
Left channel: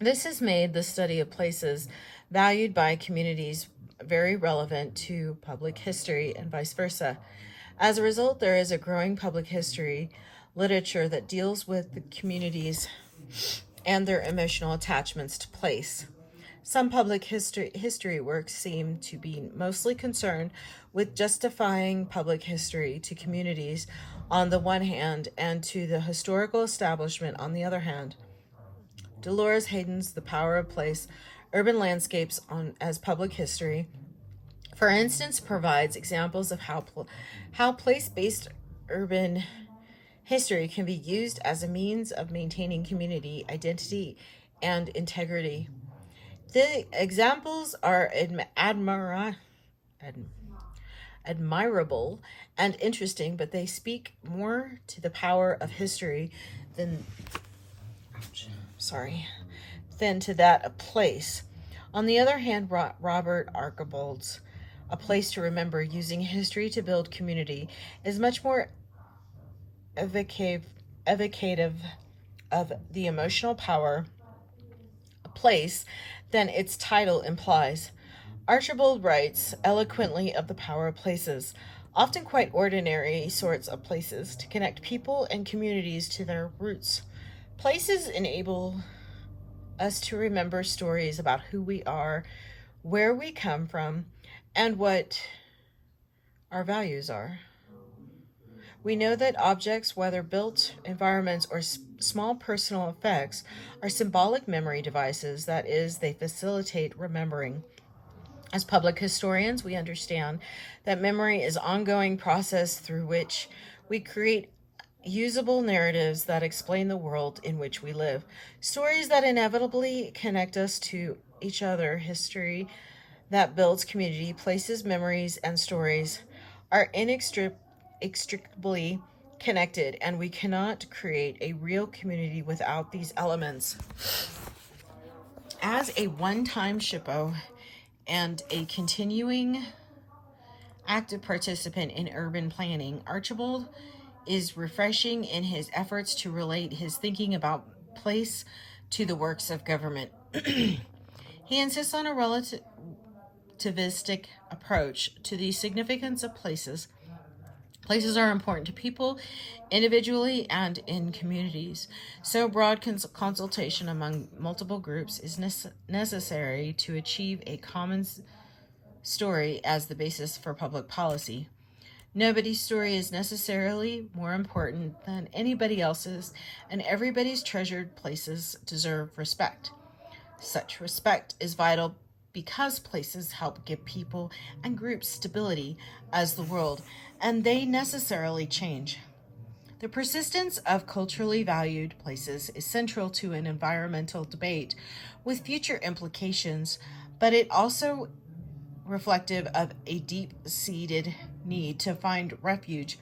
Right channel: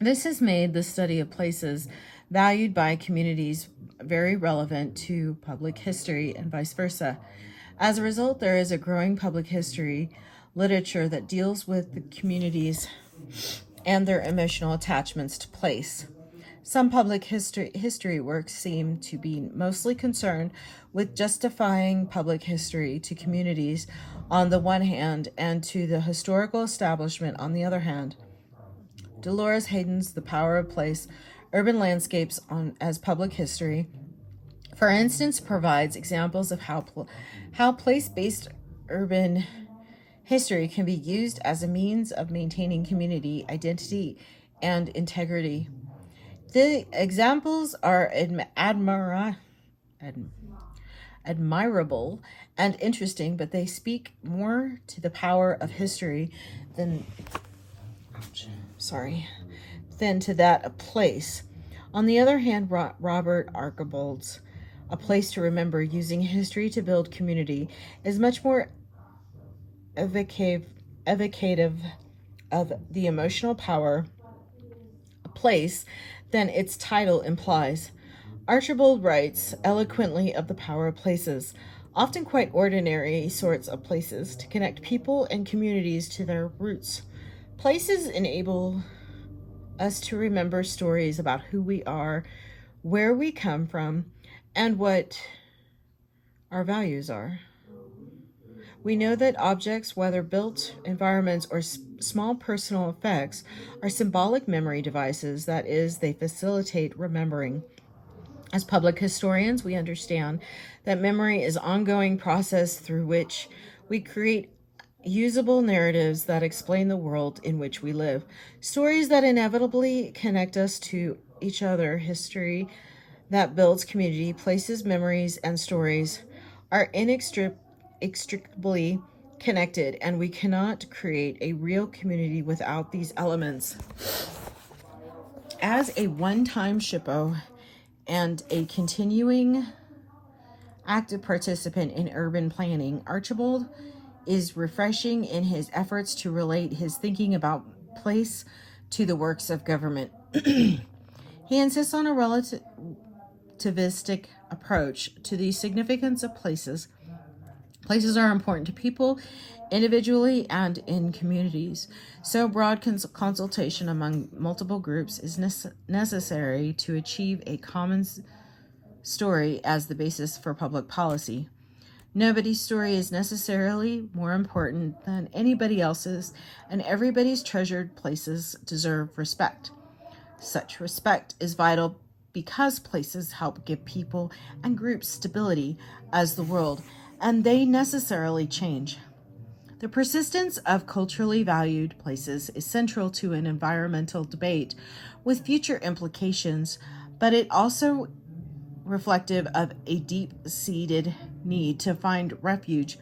this has made the study of places valued by communities very relevant to public history and vice versa. As a result, there is a growing public history literature that deals with the communities and their emotional attachments to place. Some public history works seem to be mostly concerned with justifying public history to communities on the one hand and to the historical establishment on the other hand. Dolores Hayden's The Power of Place, Urban Landscapes as Public History, for instance, provides examples of how place-based urban history can be used as a means of maintaining community identity and integrity. The examples are admirable and interesting, but they speak more to the power of history than to that of place. On the other hand, Robert Archibald's A Place to Remember, using history to build community, is much more evocative of the emotional power of place than its title implies. Archibald writes eloquently of the power of places, often quite ordinary sorts of places, to connect people and communities to their roots. Places enable us to remember stories about who we are, where we come from, and what our values are. We know that objects, whether built environments or small personal effects, are symbolic memory devices. That is, they facilitate remembering. As public historians, we understand that memory is an ongoing process through which we create usable narratives that explain the world in which we live, stories that inevitably connect us to each other. History that builds community, places, memories, and stories are inextricably connected, and we cannot create a real community without these elements. As a one-time shippo and a continuing active participant in urban planning, Archibald is refreshing in his efforts to relate his thinking about place to the works of government. He insists on a relativistic approach to the significance of places. Places are important to people individually and in communities. So, broad consultation among multiple groups is necessary to achieve a common story as the basis for public policy. Nobody's story is necessarily more important than anybody else's, and everybody's treasured places deserve respect. Such respect is vital because places help give people and groups stability as the world, and they necessarily change. The persistence of culturally valued places is central to an environmental debate with future implications, but it also reflective of a deep-seated need to find refuge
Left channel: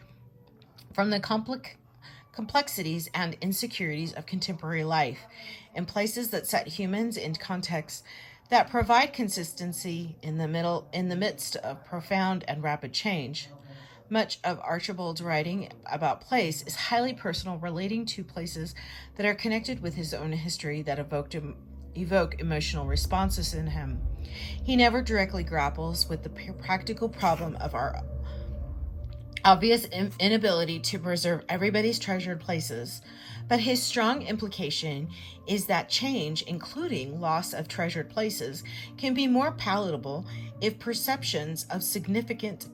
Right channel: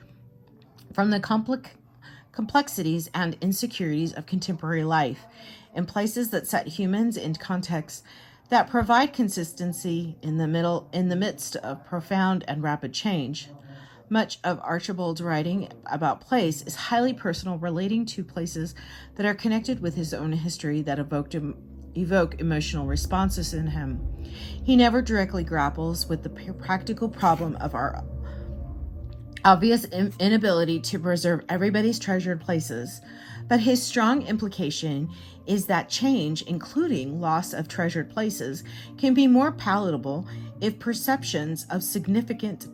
from the complexities and insecurities of contemporary life in places that set humans in contexts that provide consistency in the midst of profound and rapid change. Much of Archibald's writing about place is highly personal, relating to places that are connected with his own history that evoke emotional responses in him. He never directly grapples with the practical problem of our obvious inability to preserve everybody's treasured places, but his strong implication is that change, including loss of treasured places, can be more palatable if perceptions of significance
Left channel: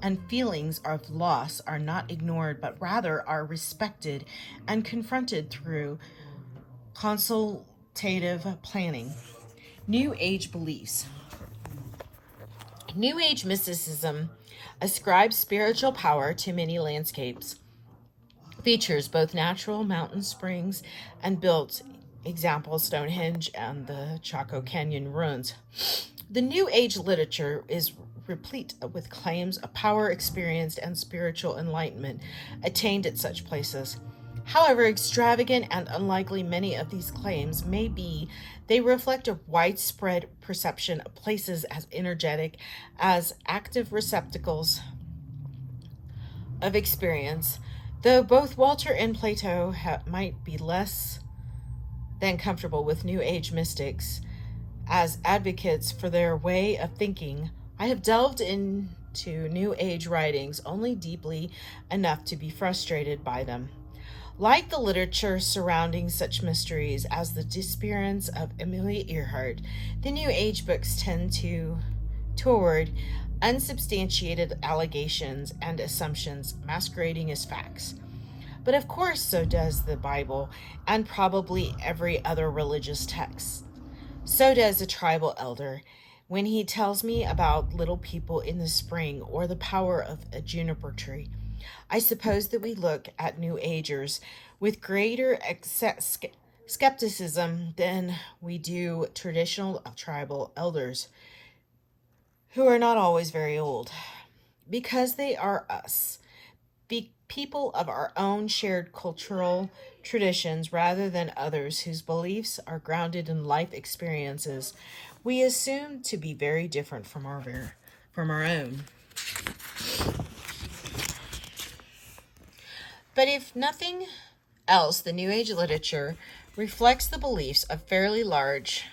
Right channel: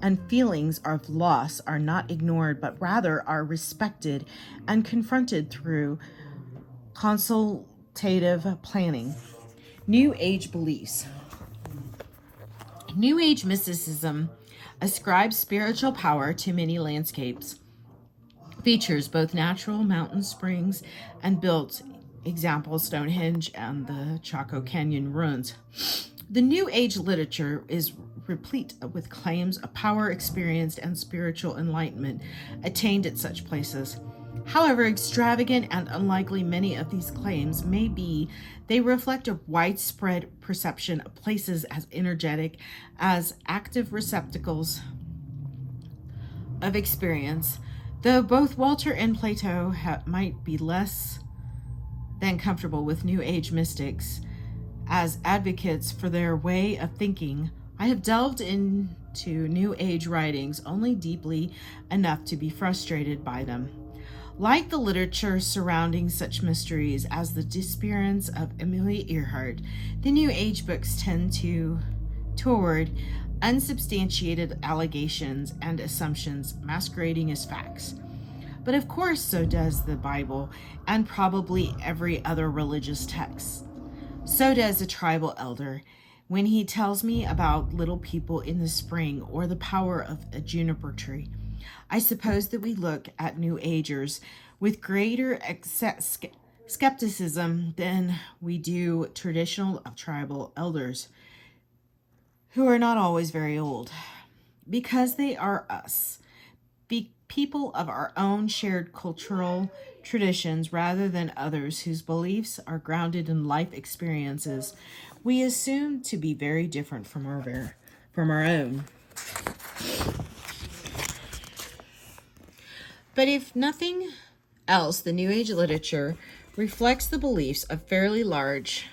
and feelings of loss are not ignored, but rather are respected and confronted through consultative planning. New Age beliefs. New Age mysticism ascribes spiritual power to many landscapes, features both natural mountain springs and built, example Stonehenge and the Chaco Canyon ruins. The New Age literature is replete with claims of power experienced and spiritual enlightenment attained at such places. However extravagant and unlikely many of these claims may be, they reflect a widespread perception of places as energetic, as active receptacles of experience, though both Walter and Plato might be less than comfortable with New Age mystics as advocates for their way of thinking. I have delved into New Age writings only deeply enough to be frustrated by them. Like the literature surrounding such mysteries as the disappearance of Amelia Earhart, the New Age books tend toward unsubstantiated allegations and assumptions masquerading as facts. But of course, so does the Bible and probably every other religious text. So does a tribal elder when he tells me about little people in the spring or the power of a juniper tree. I suppose that we look at New Agers with greater skepticism than we do traditional tribal elders, who are not always very old, because they are us, people of our own shared cultural traditions rather than others whose beliefs are grounded in life experiences we assume to be very different from our own. But if nothing else, the New Age literature reflects the beliefs of fairly large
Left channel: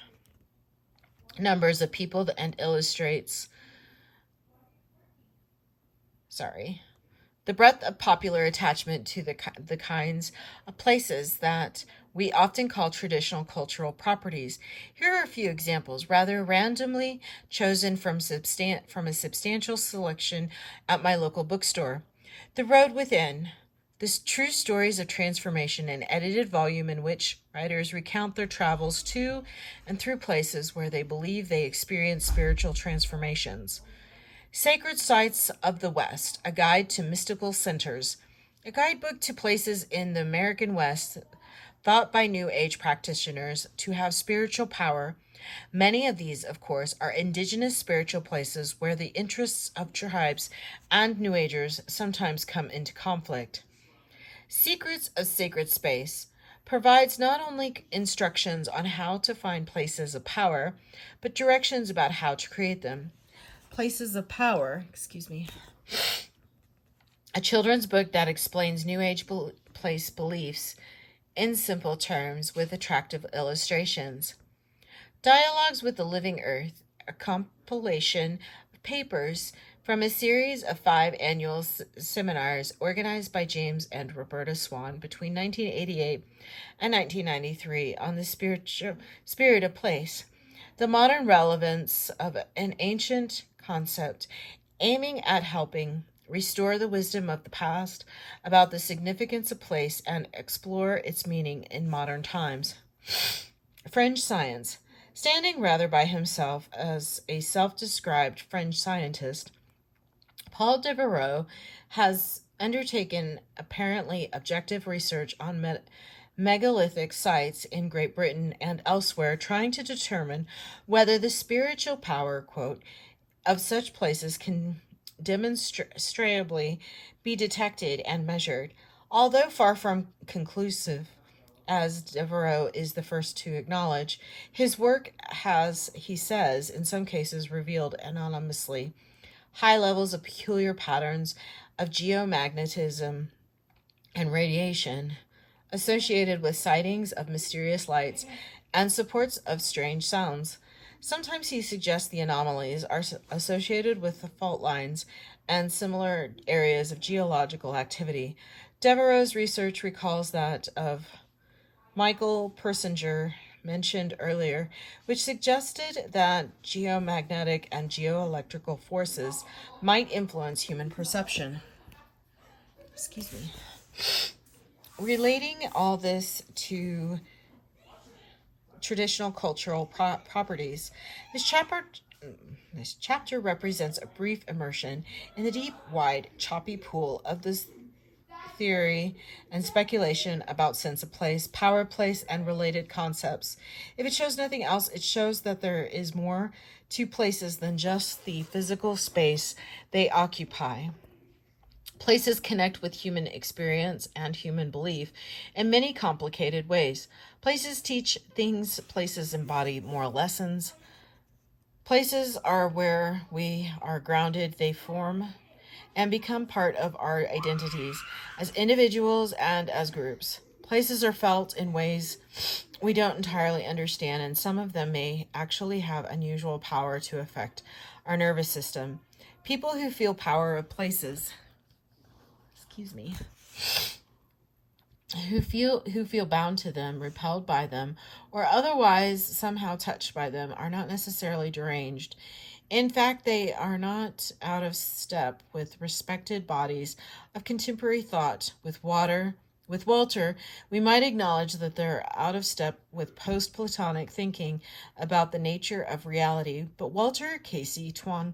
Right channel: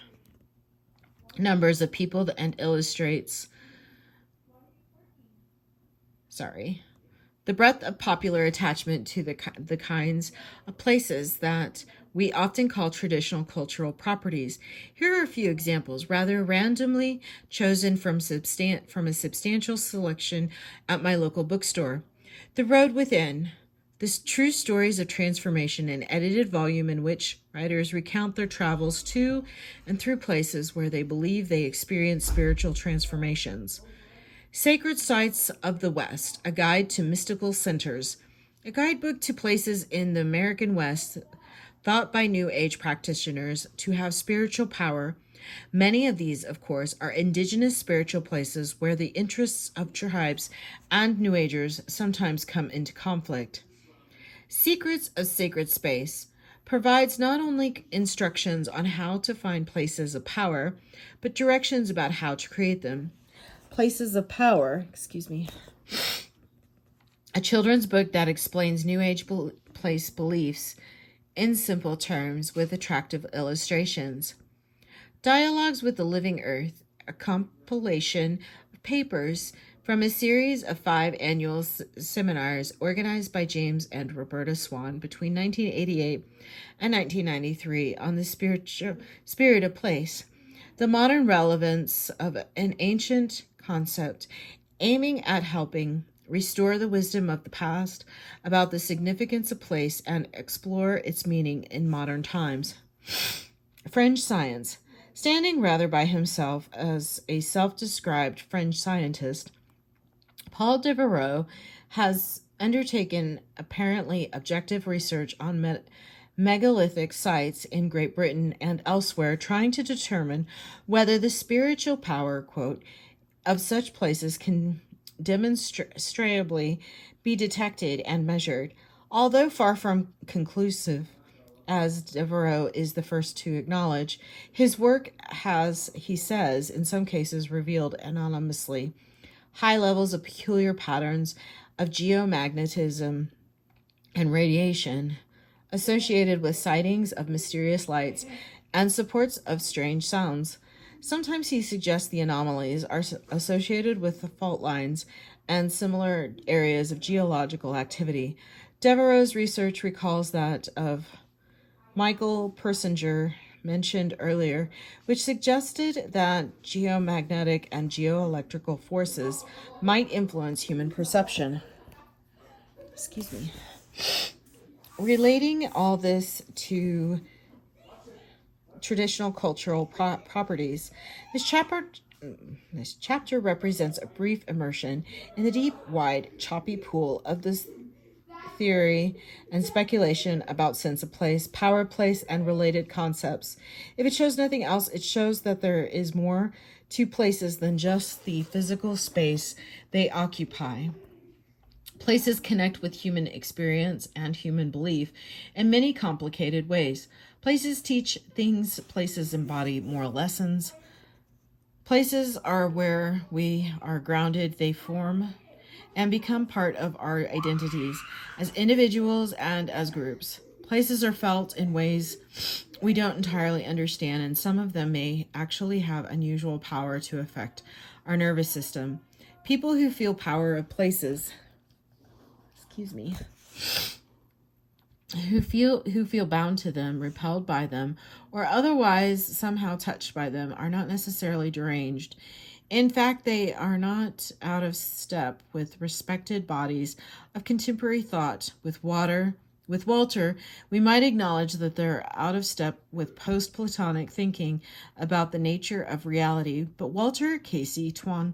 numbers of people and illustrates the breadth of popular attachment to the kinds of places that we often call traditional cultural properties. Here are a few examples, rather randomly chosen from a substantial selection at my local bookstore. The Road Within, the true stories of transformation, an edited volume in which writers recount their travels to and through places where they believe they experience spiritual transformations. Sacred Sites of the West, a guide to mystical centers, a guidebook to places in the American West thought by New Age practitioners to have spiritual power. Many of these, of course, are indigenous spiritual places where the interests of tribes and New Agers sometimes come into conflict. Secrets of Sacred Space provides not only instructions on how to find places of power, but directions about how to create them. Places of Power, excuse me, a children's book that explains New Age place beliefs in simple terms with attractive illustrations. Dialogues with the Living Earth, a compilation of papers from a series of 5 annual seminars organized by James and Roberta Swan between 1988 and 1993 on the spirit of place, the modern relevance of an ancient concept aiming at helping restore the wisdom of the past about the significance of place and explore its meaning in modern times. Fringe Science. Standing rather by himself as a self-described French scientist, Paul Devereaux has undertaken apparently objective research on megalithic sites in Great Britain and elsewhere, trying to determine whether the spiritual power, quote, of such places can demonstrably be detected and measured. Although far from conclusive, as Devereaux is the first to acknowledge, his work has, he says, in some cases revealed anonymously high levels of peculiar patterns of geomagnetism and radiation associated with sightings of mysterious lights and supports of strange sounds. Sometimes he suggests the anomalies are associated with the fault lines and similar areas of geological activity. Devereaux's research recalls that of Michael Persinger mentioned earlier, which suggested that geomagnetic and geoelectrical forces might influence human perception. Excuse me. Relating all this to traditional cultural properties, this chapter represents a brief immersion in the deep, wide, choppy pool of this theory and speculation about sense of place, power of place, and related concepts. If it shows nothing else, it shows that there is more to places than just the physical space they occupy. Places connect with human experience and human belief in many complicated ways. Places teach things, places embody moral lessons. Places are where we are grounded, they form and become part of our identities as individuals and as groups. Places are felt in ways we don't entirely understand, and some of them may actually have unusual power to affect our nervous system. People who feel power of places, who feel bound to them, repelled by them, or otherwise somehow touched by them, are not necessarily deranged. In fact, they are not out of step with respected bodies of contemporary thought. With Walter, we might acknowledge that they're out of step with post-Platonic thinking about the nature of reality, but Walter, Casey, Twan,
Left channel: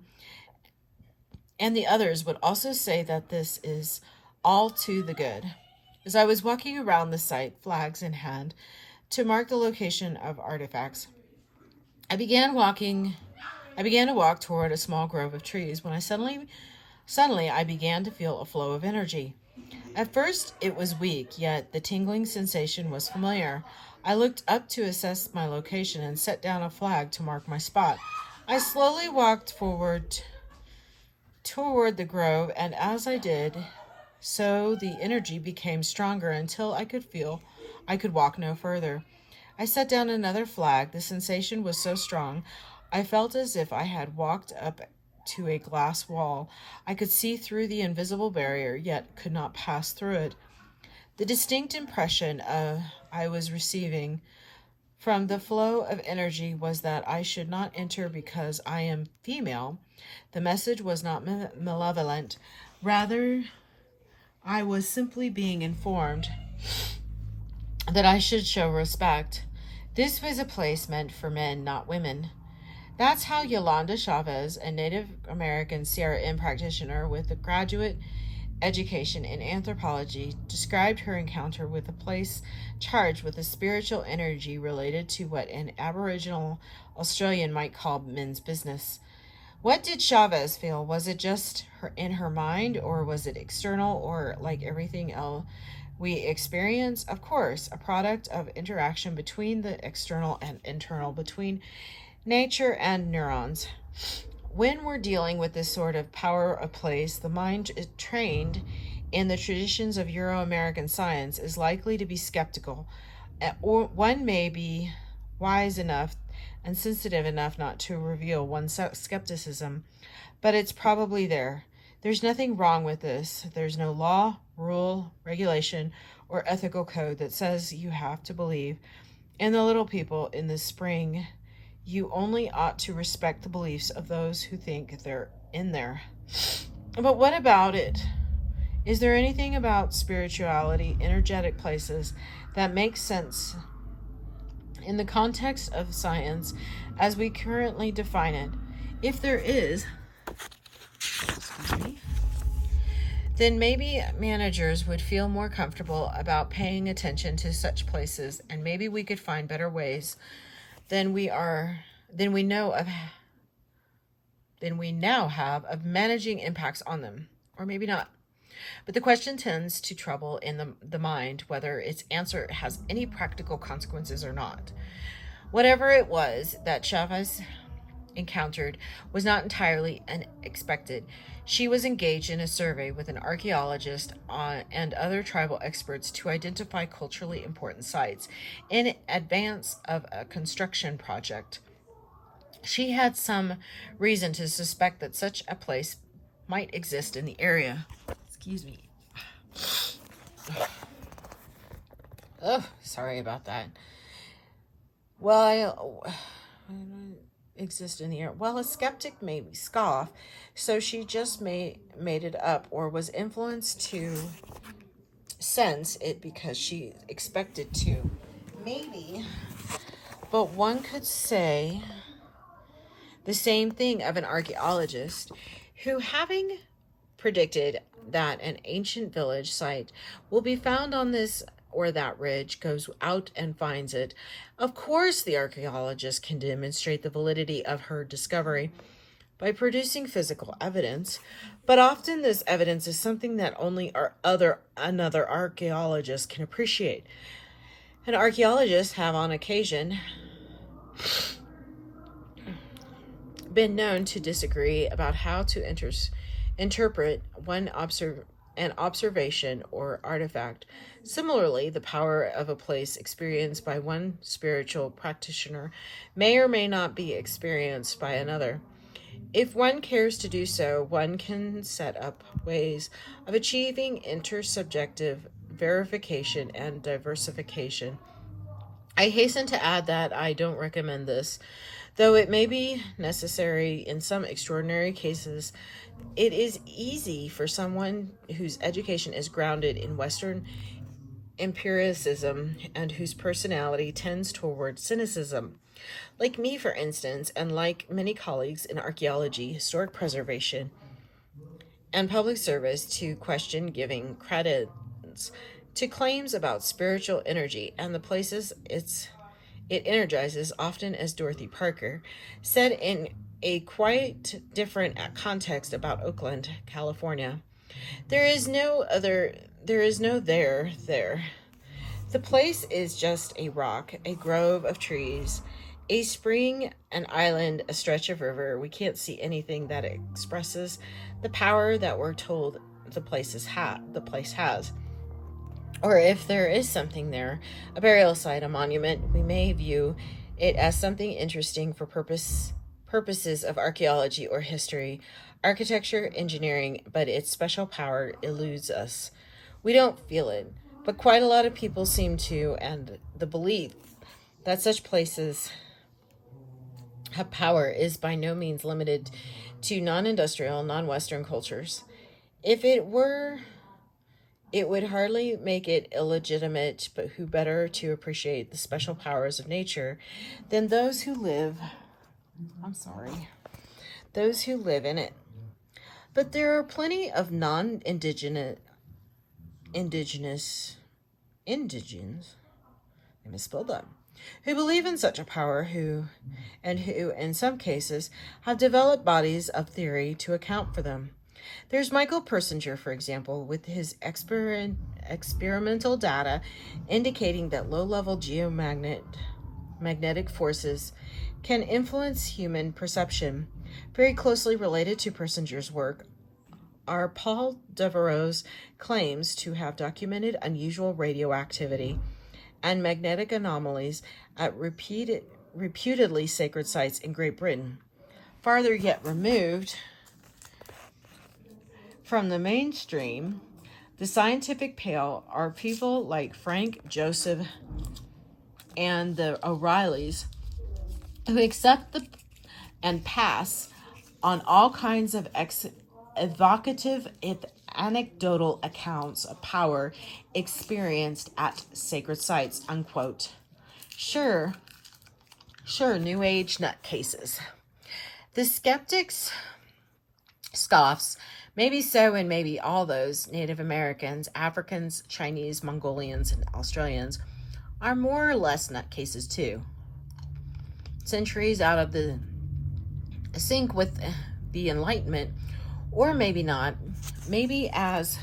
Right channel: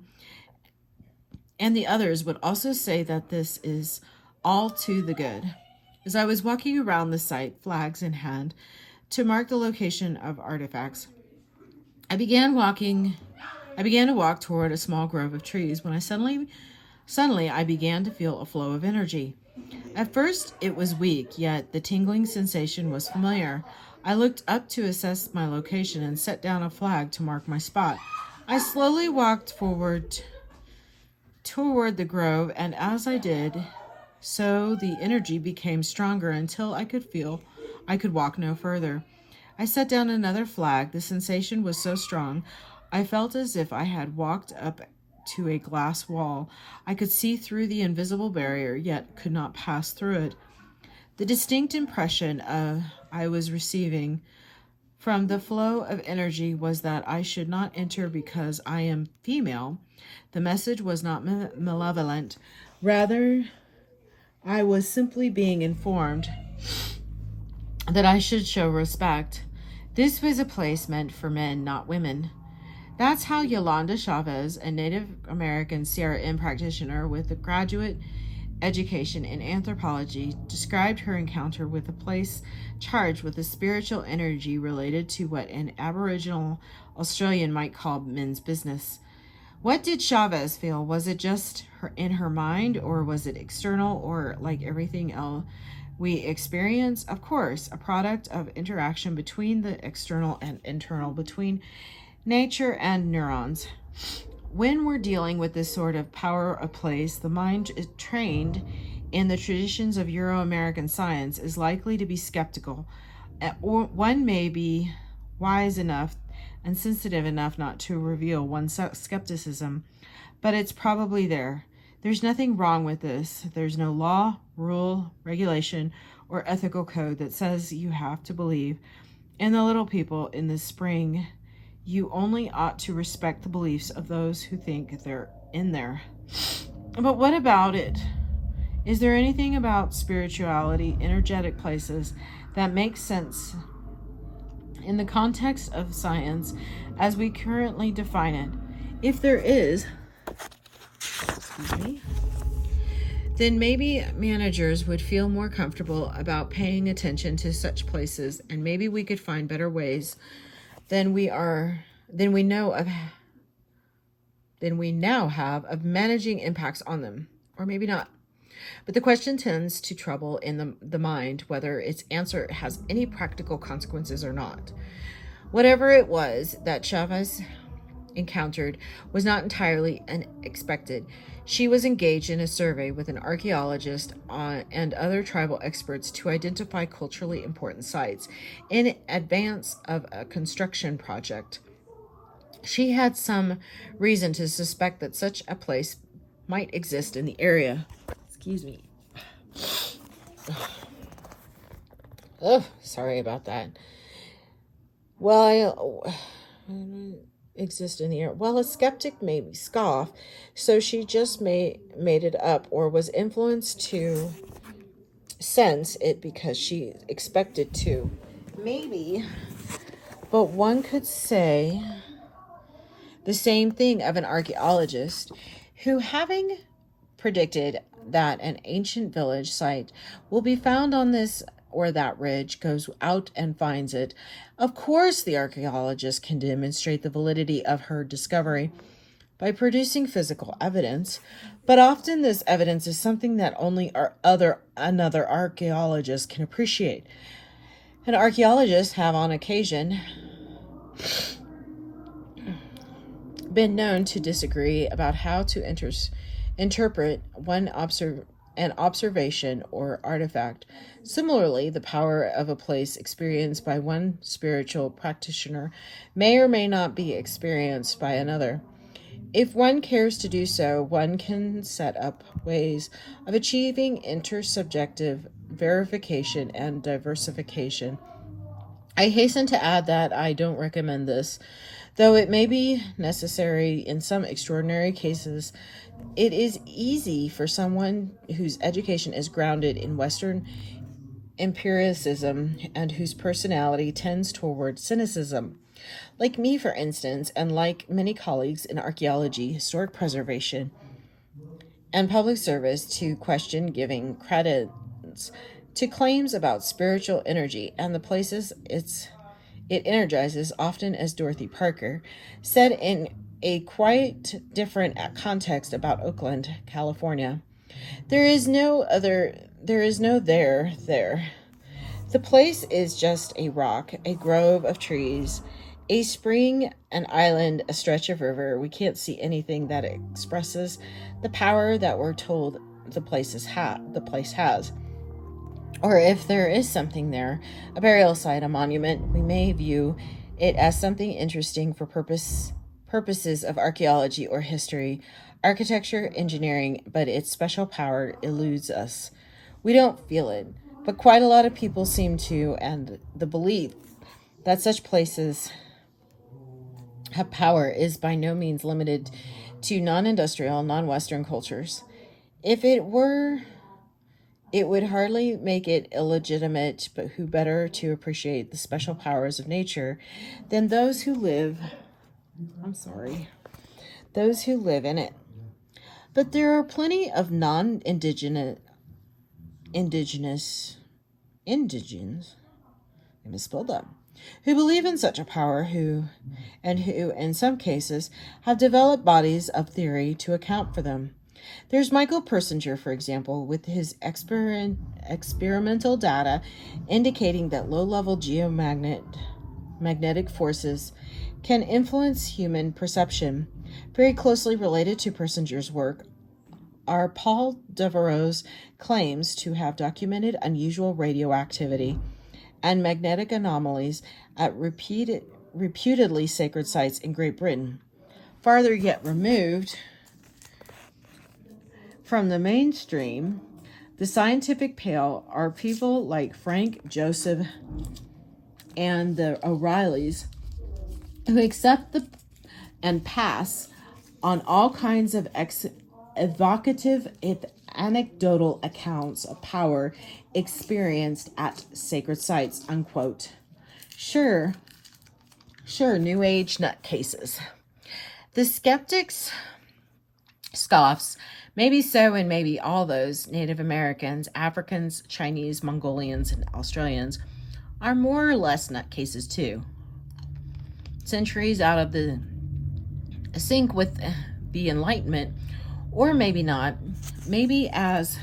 and the others would also say that this is all to the good. As I was walking around the site, flags in hand, to mark the location of artifacts, I began to walk toward a small grove of trees when suddenly I began to feel a flow of energy. At first it was weak, yet the tingling sensation was familiar. I looked up to assess my location and set down a flag to mark my spot. I slowly walked forward toward the grove, and as I did so, the energy became stronger until I could walk no further. I set down another flag. The sensation was so strong, I felt as if I had walked up to a glass wall. I could see through the invisible barrier, yet could not pass through it. The distinct impression I was receiving from the flow of energy was that I should not enter because I am female. The message was not malevolent. Rather, I was simply being informed that I should show respect. This was a place meant for men, not women. That's how Yolanda Chavez, a Native American CRM practitioner with a graduate education in anthropology, described her encounter with a place charged with a spiritual energy related to what an Aboriginal Australian might call men's business. What did Chavez feel? Was it just in her mind, or was it external, or like everything else we experience? Of course, a product of interaction between the external and internal, between nature and neurons. when we're dealing with this sort of power of place, the mind is trained in the traditions of Euro-American science is likely to be skeptical. Or one may be wise enough and sensitive enough not to reveal one's skepticism, but it's probably there. There's nothing wrong with this. There's no law, rule, regulation, or ethical code that says you have to believe in the little people in the spring. You only ought to respect the beliefs of those who think they're in there. But what about it? Is there anything about spirituality, energetic places, that makes sense in the context of science as we currently define it? If there is, then maybe managers would feel more comfortable about paying attention to such places, and maybe we could find better ways than we now have of managing impacts on them, or maybe not. But the question tends to trouble in the mind whether its answer has any practical consequences or not. Whatever it was that Chavez encountered was not entirely unexpected. She was engaged in a survey with an archaeologist and other tribal experts to identify culturally important sites in advance of a construction project. She had some reason to suspect that such a place might exist in the area. Excuse me. Oh, sorry about that. Well, exist in the area. Well, a skeptic may scoff, so she just made it up or was influenced to sense it because she expected to. Maybe. But one could say the same thing of an archaeologist who, having predicted that an ancient village site will be found on this or that ridge, goes out and finds it. Of course, the archaeologist can demonstrate the validity of her discovery by producing physical evidence, but often this evidence is something that only another archaeologist can appreciate. And archaeologists have on occasion been known to disagree about how to interpret an observation or artifact. Similarly, the power of a place experienced by one spiritual practitioner may or may not be experienced by another. If one cares to do so, one can set up ways of achieving intersubjective verification and diversification. I hasten to add that I don't recommend this, though it may be necessary in some extraordinary cases. It is easy for someone whose education is grounded in Western empiricism and whose personality tends toward cynicism, like me, for instance, and like many colleagues in archaeology, historic preservation, and public service, to question giving credence to claims about spiritual energy and the places it energizes, often, as Dorothy Parker said in a quite different context about Oakland, California. There is no there. The place is just a rock, a grove of trees, a spring, an island, a stretch of river. We can't see anything that expresses the power that we're told the place has. Or if there is something there, a burial site, a monument, we may view it as something interesting for purposes of archaeology or history, architecture, engineering, but its special power eludes us. We don't feel it, but quite a lot of people seem to, and the belief that such places have power is by no means limited to non-industrial, non-Western cultures. If it were, it would hardly make it illegitimate, but who better to appreciate the special powers of nature than those who live in it. But there are plenty of non-indigenous, I misspelled that, who believe in such a power, who, in some cases, have developed bodies of theory to account for them. There's Michael Persinger, for example, with his experimental data indicating that low-level magnetic forces can influence human perception. Very closely related to Persinger's work are Paul Devereaux's claims to have documented unusual radioactivity and magnetic anomalies at reputedly sacred sites in Great Britain. Farther yet removed from the mainstream, the scientific pale, are people like Frank Joseph and the O'Reillys who accept and pass on all kinds of evocative, if anecdotal accounts of power experienced at sacred sites, unquote. Sure, New Age nutcases. The skeptics scoffs, maybe so, and maybe all those Native Americans, Africans, Chinese, Mongolians, and Australians are more or less nutcases too. Centuries out of the sync with the Enlightenment, or maybe not. Maybe as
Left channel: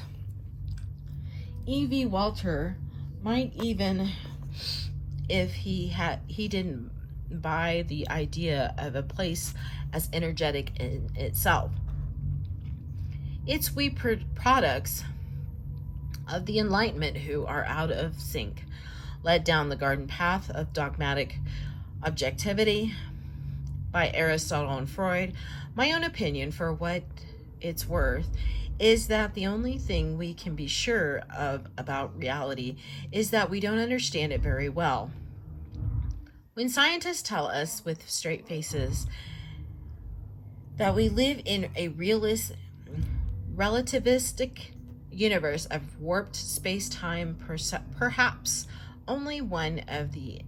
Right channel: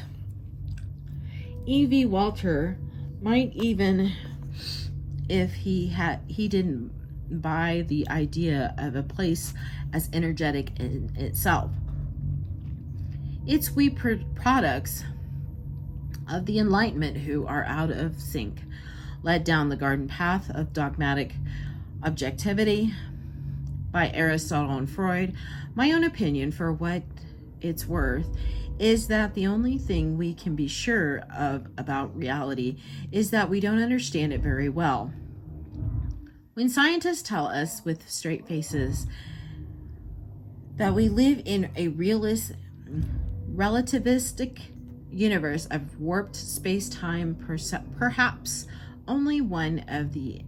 E.V. Walter might, even if he didn't buy the idea of a place as energetic in itself. It's we products of the Enlightenment who are out of sync, led down the garden path of dogmatic objectivity by Aristotle and Freud. My own opinion, for what it's worth, is that the only thing we can be sure of about reality is that we don't understand it very well. When scientists tell us with straight faces that we live in a relativistic universe of warped space-time, perhaps only one of an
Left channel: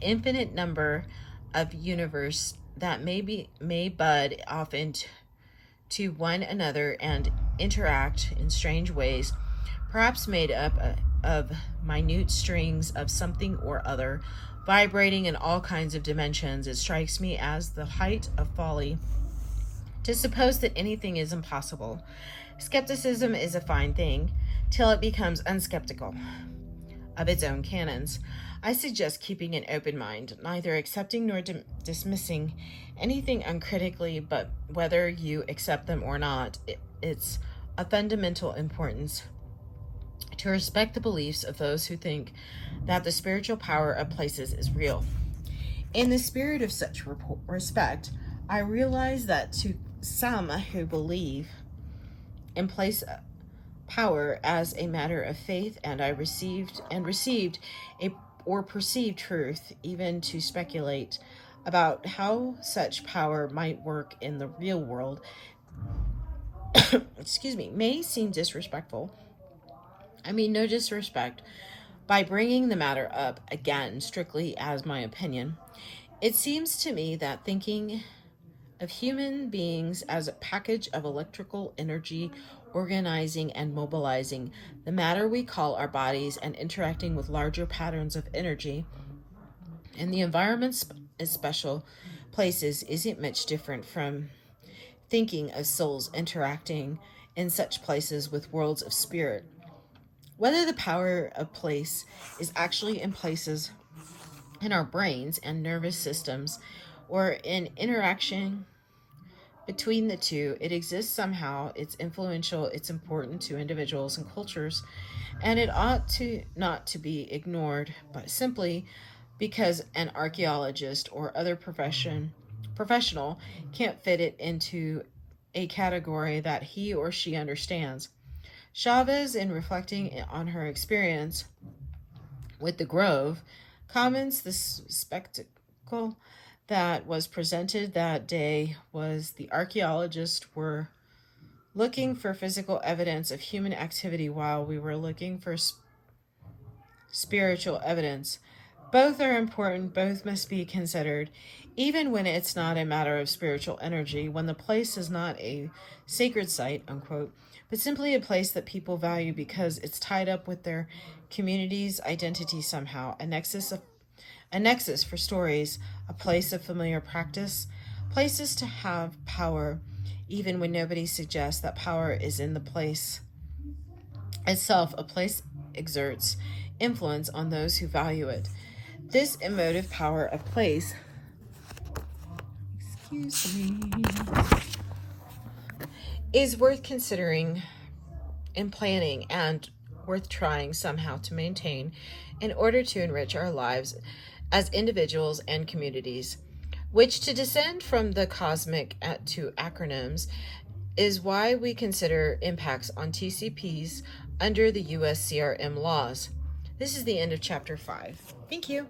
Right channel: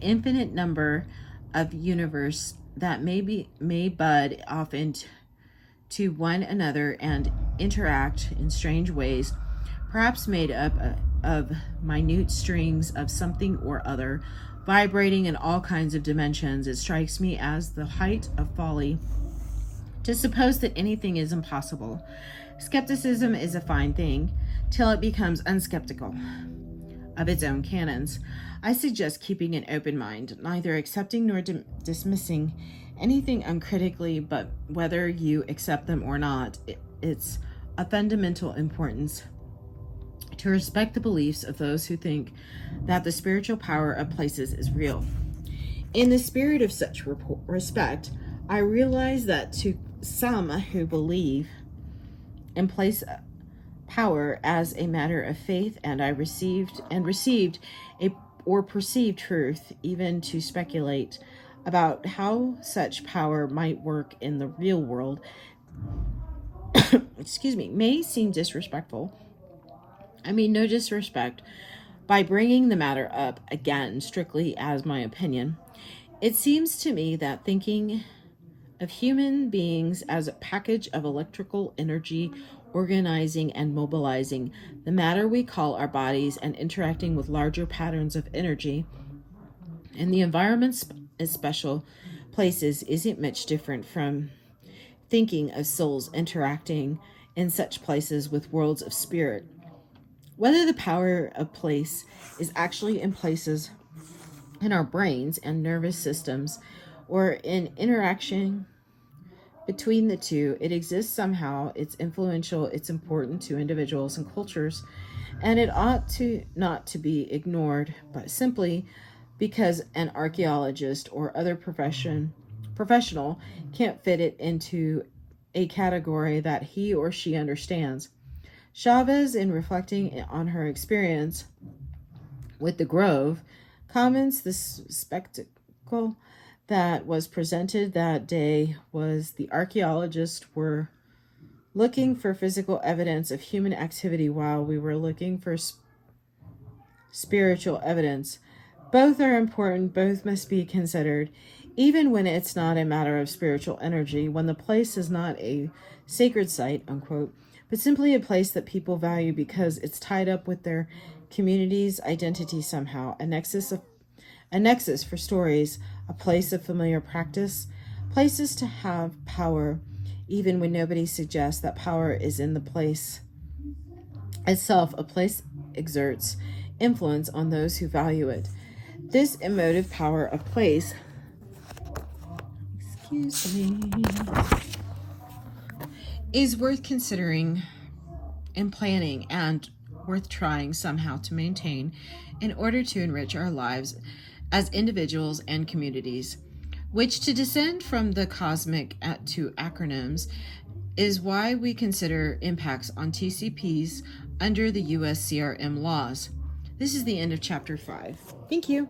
infinite number of universe that may bud off into one another and interact in strange ways, perhaps made up of minute strings of something or other, vibrating in all kinds of dimensions. It strikes me as the height of folly to suppose that anything is impossible. Skepticism is a fine thing till it becomes unskeptical of its own canons. I suggest keeping an open mind, neither accepting nor dismissing anything uncritically, but whether you accept them or not, it's of fundamental importance to respect the beliefs of those who think that the spiritual power of places is real. In the spirit of such respect, I realize that to some who believe in place power as a matter of faith, and I received or perceived truth, even to speculate about how such power might work in the real world, may seem disrespectful. I mean no disrespect by bringing the matter up again strictly as my opinion. It seems to me that thinking of human beings as a package of electrical energy, organizing and mobilizing the matter we call our bodies and interacting with larger patterns of energy and the environment's special places isn't much different from thinking of souls interacting in such places with worlds of spirit. Whether the power of place is actually in places in our brains and nervous systems or in interaction between the two, it exists somehow, it's influential, it's important to individuals and cultures, and it ought to not to be ignored, but simply because an archaeologist or other professional can't fit it into a category that he or she understands. Chavez, in reflecting on her experience with the Grove, comments the spectacle that was presented that day was the archaeologists were looking for physical evidence of human activity while we were looking for spiritual evidence. Both are important, both must be considered, even when it's not a matter of spiritual energy, when the place is not a sacred site, unquote, but simply a place that people value because it's tied up with their community's identity somehow, a nexus for stories, a place of familiar practice, places to have power, even when nobody suggests that power is in the place itself. A place exerts influence on those who value it. This emotive power of place, profusely is worth considering and planning and worth trying somehow to maintain in order to enrich our lives as individuals and communities, which to descend from the cosmic to acronyms is why we consider impacts on TCPs under the US CRM laws. This is the end of chapter 5. Thank you.